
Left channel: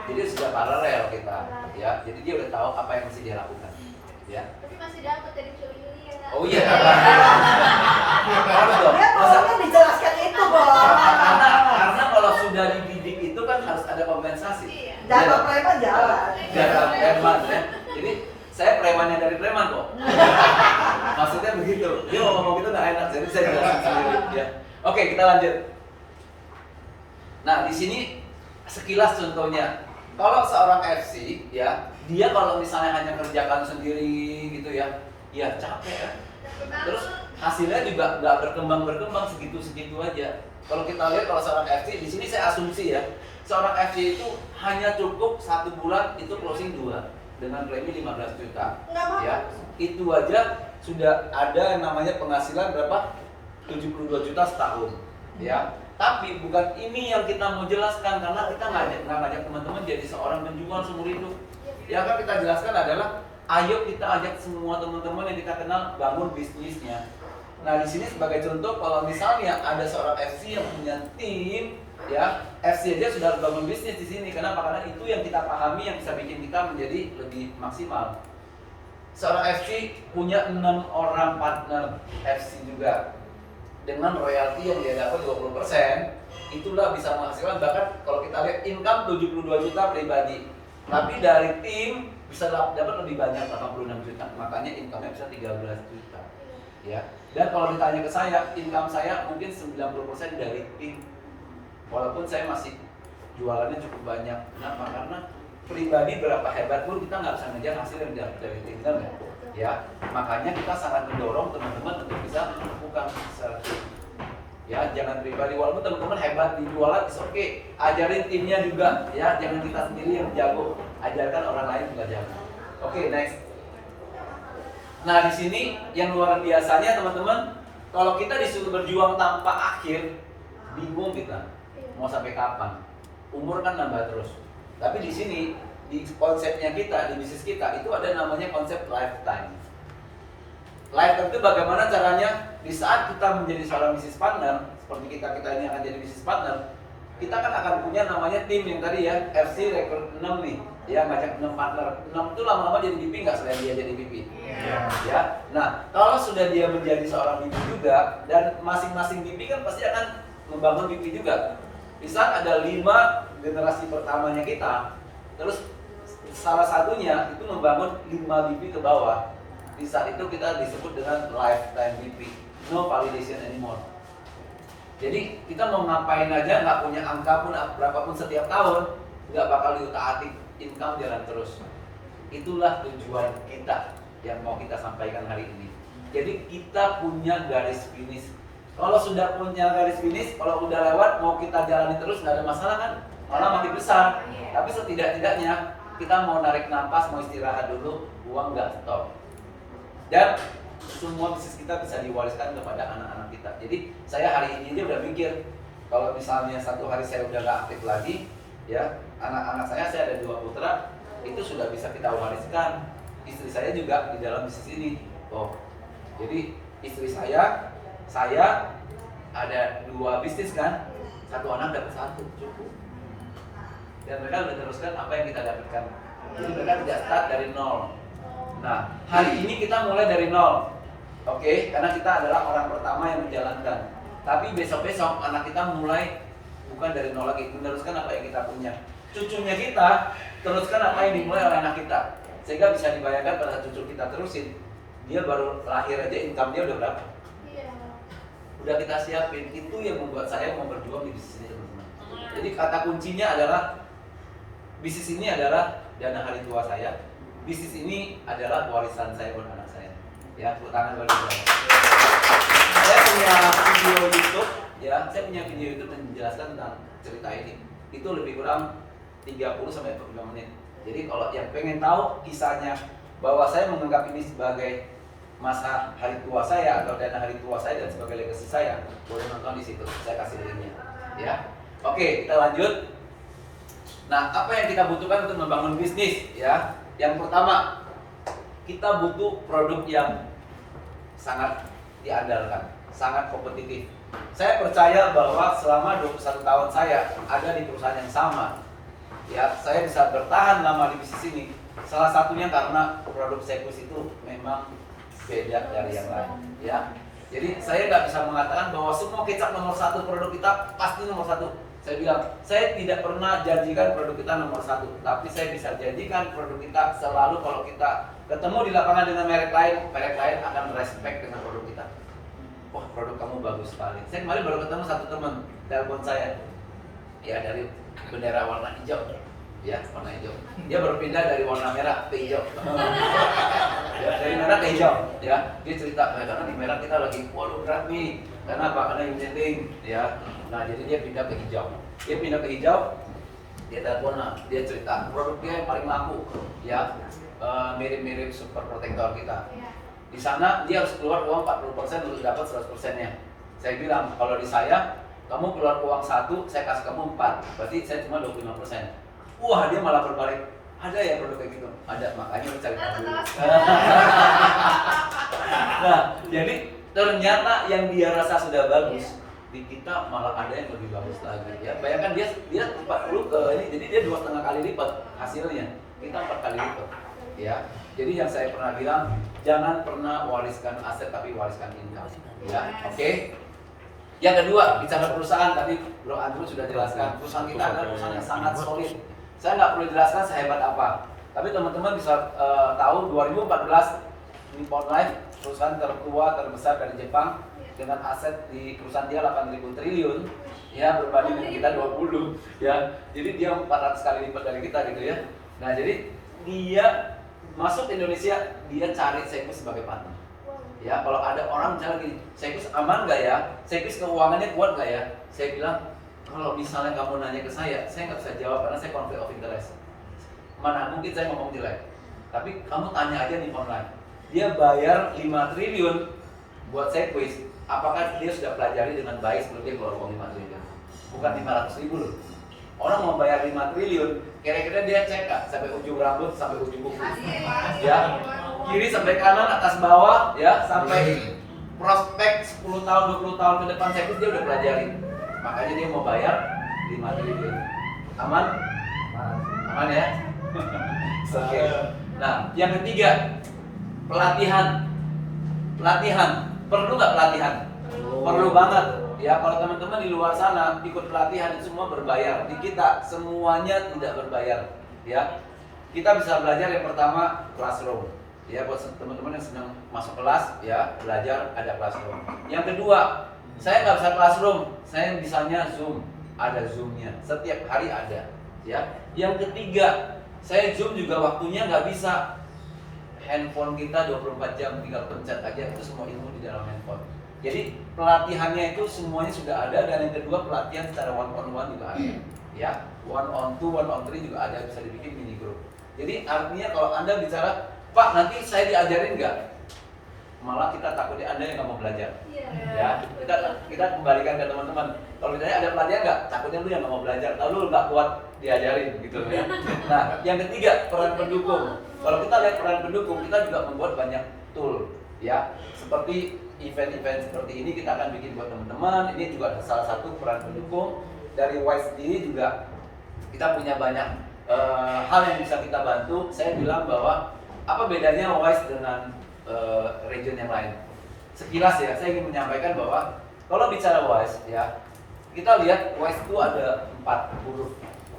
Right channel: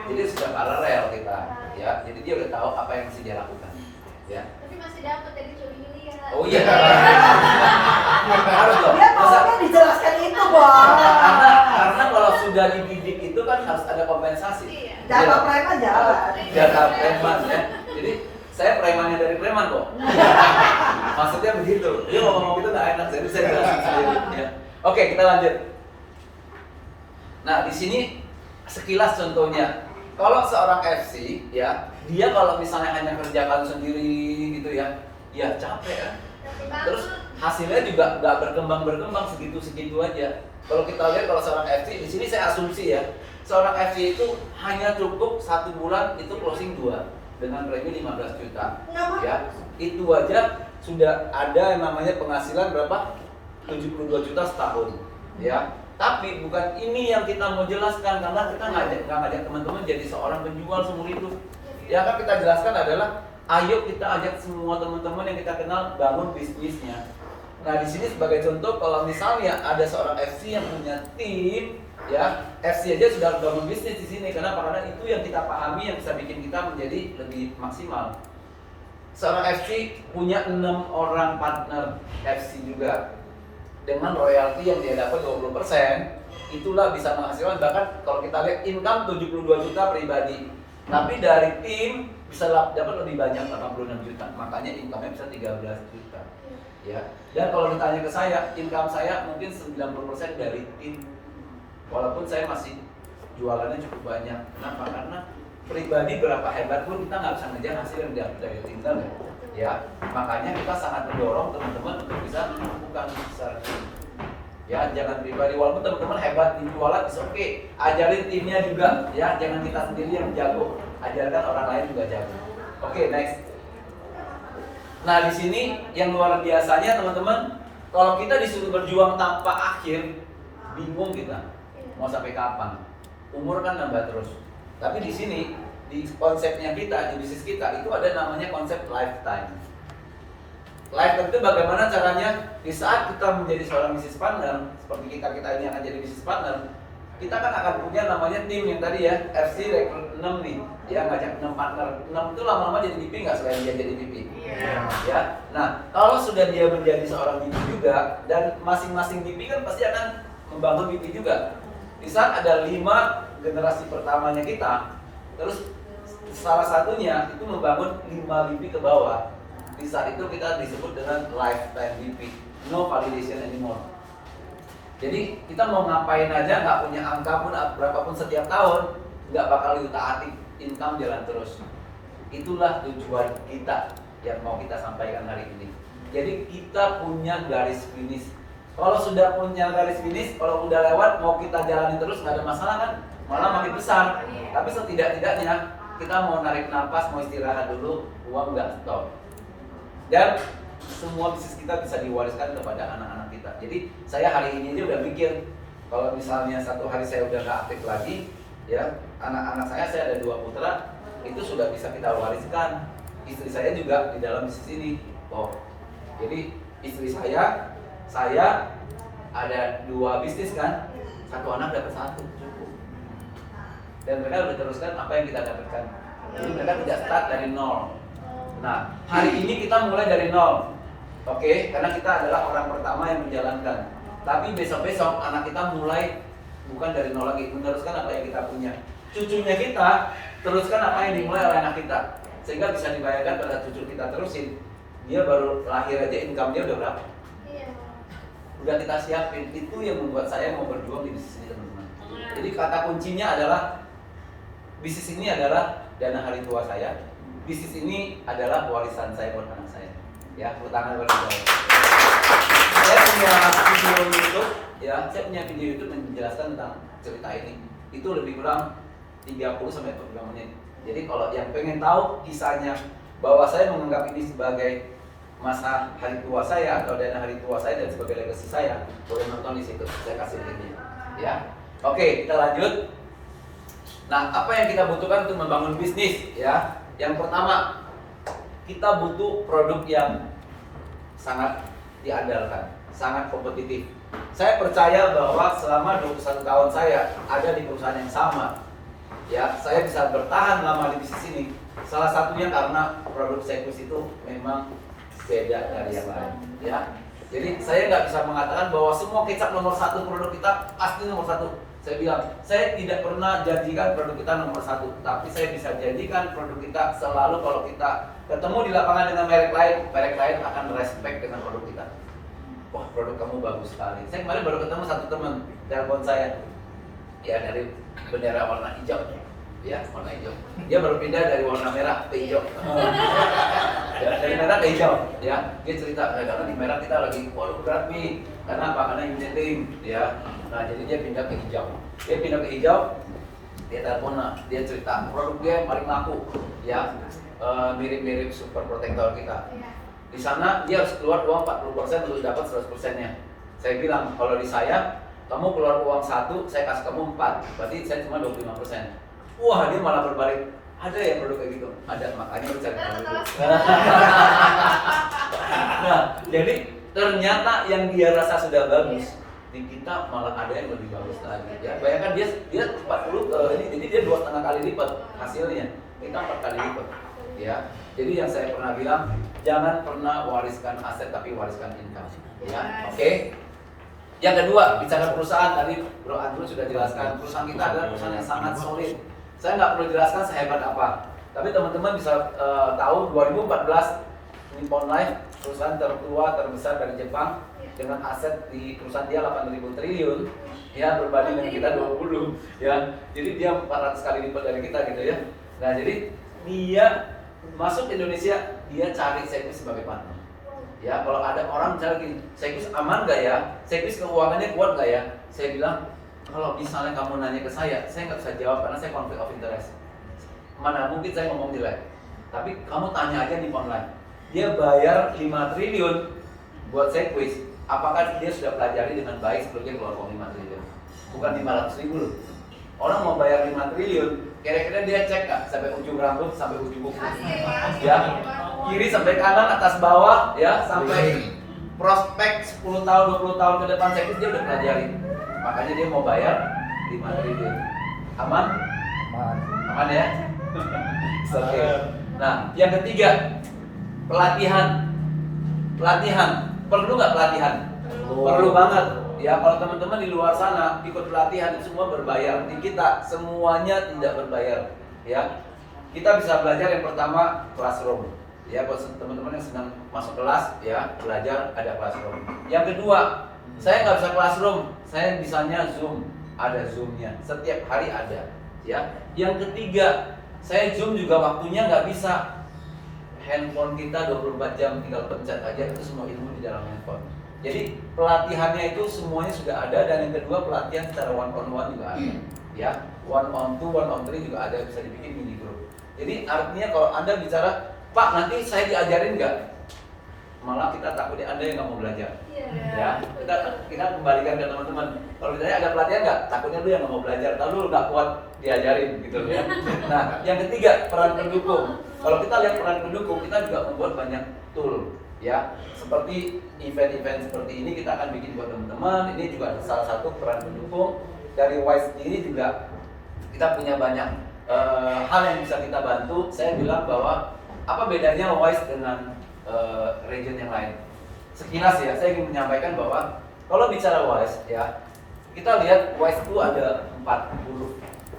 Jadi sudah paralel kita, ya. Jadi dia udah tahu apa yang mesti dia lakukan. Ya. Tapi masih dapat dari Juli ya. Oh iya. Harus dong. Dia maunya dijelaskan itu, Bos. Karena kalau sudah dididik itu kan harus ada kompensasi. Iya. Jatah preman jalan. Jatah preman ya. Jadi saya preman yang dari preman kok. Maksudnya begitu. Dia mau ngomong gitu nggak enak, jadi saya jelasin sendiri. Ya. Oke, kita lanjut. Nah, di sini sekilas contohnya. Kalau seorang FC ya, dia kalau misalnya hanya kerjakan sendiri gitu ya, ya capek ya. Terus hasilnya juga nggak berkembang segitu aja. Kalau kita lihat kalau seorang FC, di sini saya asumsi ya, seorang FC itu hanya cukup 1 bulan itu closing 2 dengan premi 15 juta. Ya, itu aja sudah ada yang namanya penghasilan berapa? 72 juta setahun. Ya. Tapi bukan ini yang kita mau jelaskan, karena kita nggak ngajak teman-teman jadi seorang penjual seumur hidup. Ya kan kita jelaskan adalah, ayo kita ajak semua teman-teman yang kita kenal bangun bisnisnya. Nah, di sini sebagai contoh, kalau misalnya ada seorang FC yang punya tim, ya FC aja sudah bangun bisnis di sini. Kenapa? Karena itu yang kita pahami yang bisa bikin kita menjadi lebih maksimal. Seorang FC punya 6 orang partner FC juga. Dengan royalti yang dia dapat 20%, itulah bisa menghasilkan, bahkan kalau kita lihat income 72 juta pribadi. Tapi dari tim bisa dapat lebih banyak, 86 juta. Makanya income-nya bisa 13 juta. Ya. Dan kalau ditanya ke saya, income saya mungkin 90% dari tim. Walaupun saya masih jualannya cukup banyak. Kenapa? Karena pribadi berapa hebat pun kita nggak bisa ngejar hasil yang didapat dari tim kan, ya. Makanya kita sangat mendorong teman-teman untuk bisa melakukan secara tim. Ya, jangan pribadi, walaupun teman-teman hebat di jualan, it's okay. Ajarin timnya juga, ya. Jangan kita sendiri yang jago, ajarkan orang lain juga jago. Oke, next. Nah, di sini yang luar biasanya teman-teman, kalau kita disuruh berjuang tanpa akhir, bingung kita mau sampai kapan. Umur kan nambah terus. Tapi di sini, di konsepnya kita, di bisnis kita, itu ada namanya konsep lifetime. Lifetime itu bagaimana caranya di saat kita menjadi seorang bisnis partner, seperti kita ini akan jadi bisnis partner, kita kan akan punya namanya tim yang tadi ya, FC rekrut 6 nih, ya ngajak 6 partner. 6 itu lama-lama jadi VP nggak selain dia jadi VP? Iya. Ya. Nah, kalau sudah dia menjadi seorang VP juga, dan masing-masing VP kan pasti akan membangun VP juga. Di saat ada 5 generasi pertamanya kita, terus salah satunya itu membangun 5 VP ke bawah. Di saat itu kita disebut dengan lifetime VP, no validation anymore. Jadi kita mau ngapain aja, nggak punya angka pun berapapun setiap tahun, nggak bakal diutak-atik, income jalan terus. Itulah tujuan kita yang mau kita sampaikan hari ini. Jadi kita punya garis finish. Kalau sudah punya garis finish, kalau udah lewat mau kita jalani terus nggak ada masalah kan? Malah makin besar. Tapi setidak-tidaknya kita mau narik nafas, mau istirahat dulu, uang nggak stop. Dan semua bisnis kita bisa diwariskan kepada anak-anak kita. Jadi saya hari ini aja udah mikir, kalau misalnya satu hari saya udah nggak aktif lagi, ya anak-anak saya ada 2 putra, itu sudah bisa kita wariskan. Istri saya juga di dalam bisnis ini. Oh, jadi istri saya ada 2 bisnis kan, 1 anak dapat 1 cukup. Dan mereka udah teruskan apa yang kita dapatkan. Jadi mereka tidak start dari nol. Nah, hari ini kita mulai dari nol. Oke, karena kita adalah orang pertama yang menjalankan. Tapi besok-besok anak kita mulai bukan dari nol lagi, meneruskan apa yang kita punya. Cucunya kita teruskan apa yang dimulai oleh anak kita. Sehingga bisa dibayangkan pada cucu kita terusin, dia baru lahir aja income dia udah berapa? Iya. Udah kita siapin. Itu yang membuat saya mau berjuang di bisnis ini, teman-teman. Jadi kata kuncinya adalah bisnis ini adalah dana hari tua saya. Bisnis ini adalah warisan saya buat anak saya. Ya, tepuk tangan buat saya. Saya punya video YouTube, ya, saya punya video YouTube yang menjelaskan tentang cerita ini. Itu lebih kurang 30 sampai 45 menit. Jadi kalau yang pengen tahu kisahnya bahwa saya menganggap ini sebagai masa hari tua saya atau dana hari tua saya dan sebagai legacy saya, boleh nonton di situ. Saya kasih linknya. Ya, oke, kita lanjut. Nah, apa yang kita butuhkan untuk membangun bisnis? Ya, yang pertama, kita butuh produk yang sangat diandalkan, sangat kompetitif. Saya percaya bahwa selama 21 tahun saya ada di perusahaan yang sama, ya, saya bisa bertahan lama di bisnis ini. Salah satunya karena produk Sekus itu memang beda dari yang lain, ya. Jadi saya nggak bisa mengatakan bahwa semua kecap nomor 1 produk kita pasti nomor 1. Saya bilang, saya tidak pernah janjikan produk kita nomor 1, tapi saya bisa janjikan produk kita selalu kalau kita ketemu di lapangan dengan merek lain akan respect dengan produk kita. Wah, produk kamu bagus sekali. Saya kemarin baru ketemu satu teman, telepon saya, ya dari bendera warna hijau, ya warna hijau. Dia baru pindah dari warna merah ke hijau. Ya, dari merah ke hijau, ya. Dia cerita, karena di merah kita lagi, waduh berat nih, karena apa? Karena unit ya. Nah, jadi dia pindah ke hijau. Dia pindah ke hijau, dia telepon, dia cerita produk dia paling laku, ya, mirip-mirip super protektor kita. Di sana dia harus keluar uang 40% untuk dapat 100%-nya. Saya bilang, kalau di saya, kamu keluar uang 1, saya kasih kamu 4, berarti saya cuma 25%. Wah, dia malah berbalik. Ada ya produk kayak gitu? Ada, makanya lu cari tahu dulu. Nah, jadi ternyata yang dia rasa sudah bagus, di kita malah ada yang lebih bagus lagi. Ya, bayangkan dia 40 ini, jadi dia 2,5 kali lipat hasilnya. Kita 4 kali lipat. Ya, jadi yang saya pernah bilang, jangan pernah wariskan aset tapi wariskan income. Ya, oke. Yang kedua, bicara perusahaan, tadi Bro Andrew sudah jelaskan, perusahaan kita adalah perusahaan yang sangat solid. Saya nggak perlu jelaskan sehebat apa, tapi teman-teman bisa tahu 2014 Nippon Life, perusahaan tertua terbesar dari Jepang, dengan aset di perusahaan dia 8.000 triliun, ya, berbanding dengan kita 20, ya. Jadi dia 400 kali lipat dari kita gitu ya. Nah, jadi dia masuk Indonesia, dia cari Sekus sebagai partner. Ya, kalau ada orang misalnya gini, Sekus aman nggak ya? Sekus keuangannya kuat nggak ya? Saya bilang, kalau misalnya kamu nanya ke saya nggak bisa jawab karena saya konflik of interest. Mana mungkin saya ngomong jelek. Tapi kamu tanya aja nih online. Dia bayar 5 triliun buat Sekus. Apakah dia sudah pelajari dengan baik sebelum dia keluar uang 5 triliun? Bukan 500 ribu loh. Orang mau bayar 5 triliun, kira-kira dia cek nggak sampai ujung rambut, sampai ujung kuku? Ya, kiri sampai kanan, atas bawah, ya, sampai prospek 10 tahun, 20 tahun ke depan Sekus dia udah pelajari. Makanya dia mau bayar 5 triliun. Aman? Aman ya? Oke. Nah, yang ketiga, pelatihan. Perlu nggak pelatihan? Perlu banget. Ya, kalau teman-teman di luar sana ikut pelatihan itu semua berbayar. Di kita semuanya tidak berbayar. Ya, kita bisa belajar yang pertama classroom. Ya, buat teman-teman yang senang masuk kelas, ya, belajar ada classroom. Yang kedua, saya nggak bisa classroom, saya bisanya Zoom. Ada Zoom-nya, setiap hari ada. Ya. Yang ketiga, saya Zoom juga waktunya nggak bisa. Handphone kita 24 jam, tinggal pencet aja, itu semua ilmu di dalam handphone. Jadi pelatihannya itu semuanya sudah ada, dan yang kedua pelatihan secara one on one juga ada. Ya, 1 on 2, 1 on 3 juga ada, bisa dibikin mini group. Jadi artinya kalau Anda bicara, Pak nanti saya diajarin nggak? malah kita takutnya Anda yang nggak mau belajar. Iya. Ya, kita kembalikan ke teman-teman. Kalau ditanya ada pelatihan nggak, takutnya lu yang nggak mau belajar, lalu lu nggak kuat diajarin gitu ya. Nah, yang ketiga peran pendukung. Kalau kita lihat peran pendukung, kita juga membuat banyak tool ya. Seperti event-event seperti ini kita akan bikin buat teman-teman. Ini juga salah satu peran pendukung. Dari WISE sendiri juga kita punya banyak hal yang bisa kita bantu. Saya bilang bahwa apa bedanya WISE dengan region yang lain? Sekilas ya, saya ingin menyampaikan bahwa kalau bicara WISE ya, kita lihat WISE itu ada 4 huruf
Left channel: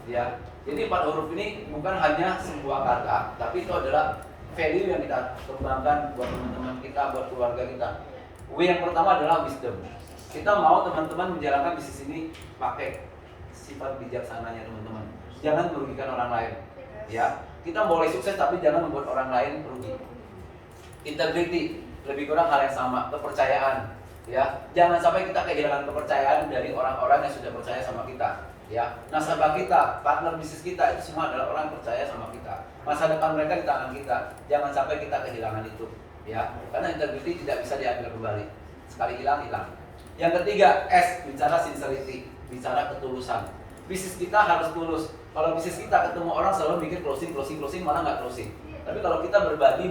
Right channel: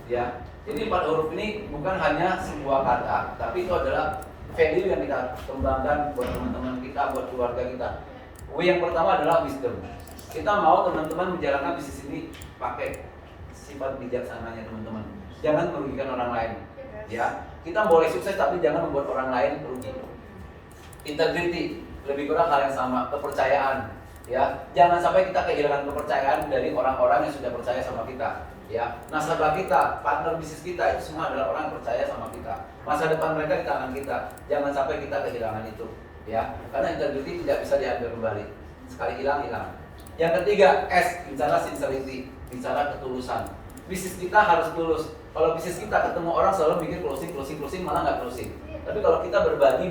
ya. Jadi 4 huruf ini bukan hanya sebuah kata, tapi itu adalah value yang kita kembangkan buat teman-teman kita, buat keluarga kita. W yang pertama adalah wisdom. Kita mau teman-teman menjalankan bisnis ini pakai sifat bijaksananya teman-teman. Jangan merugikan orang lain. Ya, kita boleh sukses tapi jangan membuat orang lain rugi. Integrity, lebih kurang hal yang sama. Kepercayaan, ya. Jangan sampai kita kehilangan kepercayaan dari orang-orang yang sudah percaya sama kita. Ya, nasabah kita, partner bisnis kita itu semua adalah orang yang percaya sama kita. Masa depan mereka di tangan kita. Jangan sampai kita kehilangan itu. Ya, karena integrity tidak bisa diambil kembali. Sekali hilang, hilang. Yang ketiga, S, bicara sincerity, bicara ketulusan. Bisnis kita harus tulus. Kalau bisnis kita ketemu orang selalu mikir closing, malah nggak closing. Tapi kalau kita berbagi,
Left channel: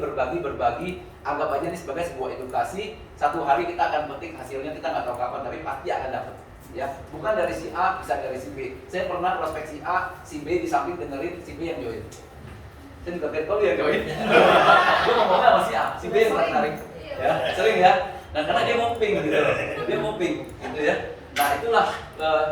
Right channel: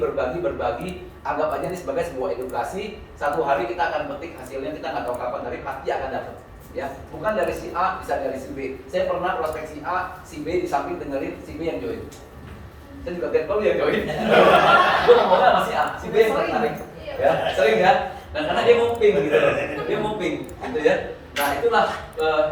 anggap aja ini sebagai sebuah edukasi. Satu hari kita akan petik hasilnya, kita nggak tahu kapan, tapi pasti akan dapat. Ya, bukan dari si A, bisa dari si B. Saya pernah prospek si A, si B di samping dengerin si B yang join. Saya juga get call yang join. Gue ngomongnya sama si A, si B yang tertarik. Ya, sering ya. Nah, karena dia mumping gitu, gitu ya. Nah itulah.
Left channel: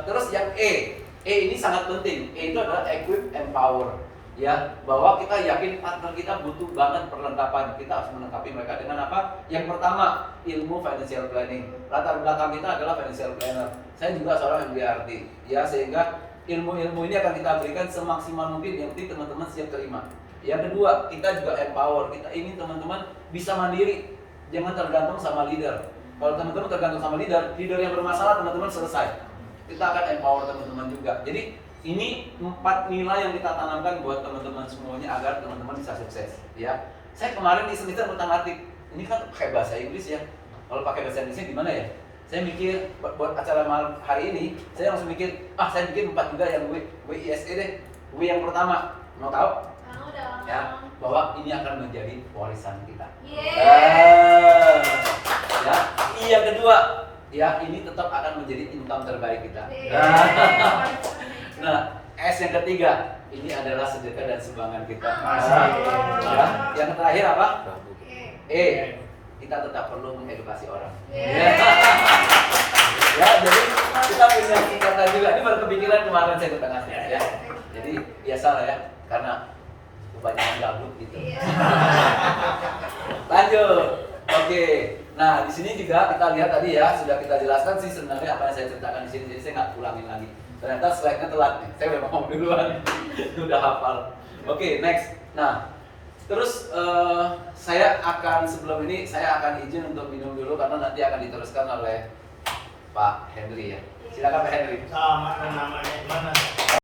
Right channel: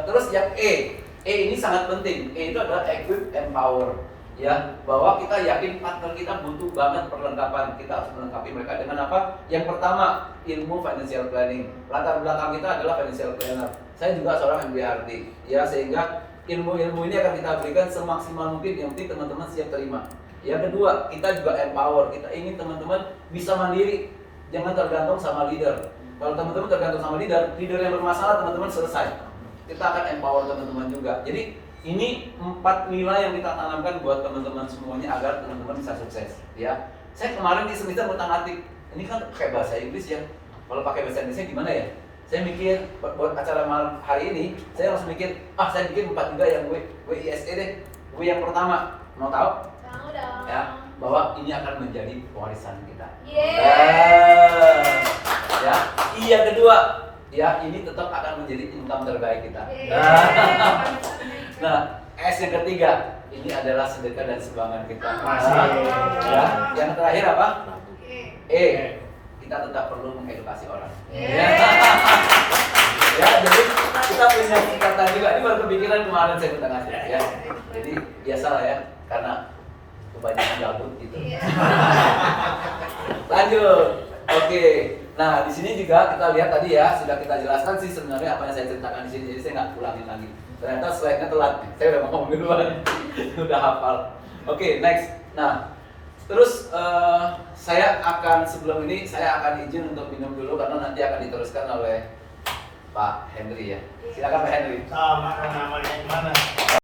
Terus yang E ini sangat penting. E itu adalah equip, empower. Ya, bahwa kita yakin partner kita butuh banget perlengkapan. Kita harus melengkapi mereka dengan apa? Yang pertama, ilmu financial planning. Latar belakang kita adalah financial planner. Saya juga seorang MBRT. Ya, sehingga ilmu-ilmu ini akan kita berikan semaksimal mungkin. Yang penting teman-teman siap terima. Yang kedua, kita juga empower. Kita ingin teman-teman bisa mandiri. Jangan tergantung sama leader. Kalau teman-teman tergantung sama leader yang bermasalah teman-teman selesai. Kita akan empower teman-teman juga. Jadi ini 4 nilai yang kita tanamkan buat teman-teman semuanya agar teman-teman bisa sukses. Ya, saya kemarin iseng-iseng ngutak-ngatik. Ini kan pakai bahasa Inggris ya. Kalau pakai bahasa Inggrisnya gimana ya? Saya mikir buat acara hari ini, saya langsung mikir, saya bikin 4 juga yang WISE deh. W yang pertama, mau tahu? Tahu dong. Ya, bahwa ini akan menjadi warisan kita. Ya, I yang kedua, ya ini tetap akan menjadi income terbaik kita. Nah, S yang ketiga, ini adalah sedekah dan sumbangan kita. Ya, yang terakhir apa? E, kita tetap perlu mengedukasi orang. Ya, jadi kita punya singkatan juga. Ini baru kepikiran kemarin saya tengah ya. Jadi biasalah ya, karena kebanyakan gabut gitu. Lanjut. Oke. Nah, di sini juga kita lihat tadi ya, sudah kita jelaskan sih sebenarnya apa yang saya ceritakan di sini. Jadi saya nggak ulangin lagi. Ternyata slide-nya telat nih. Saya udah ngomong duluan. Udah hafal. Oke, next. Nah, terus saya akan sebelum ini saya akan izin untuk minum dulu karena nanti akan diteruskan oleh Pak Henry ya. Silakan Pak Henry. Sama namanya mana?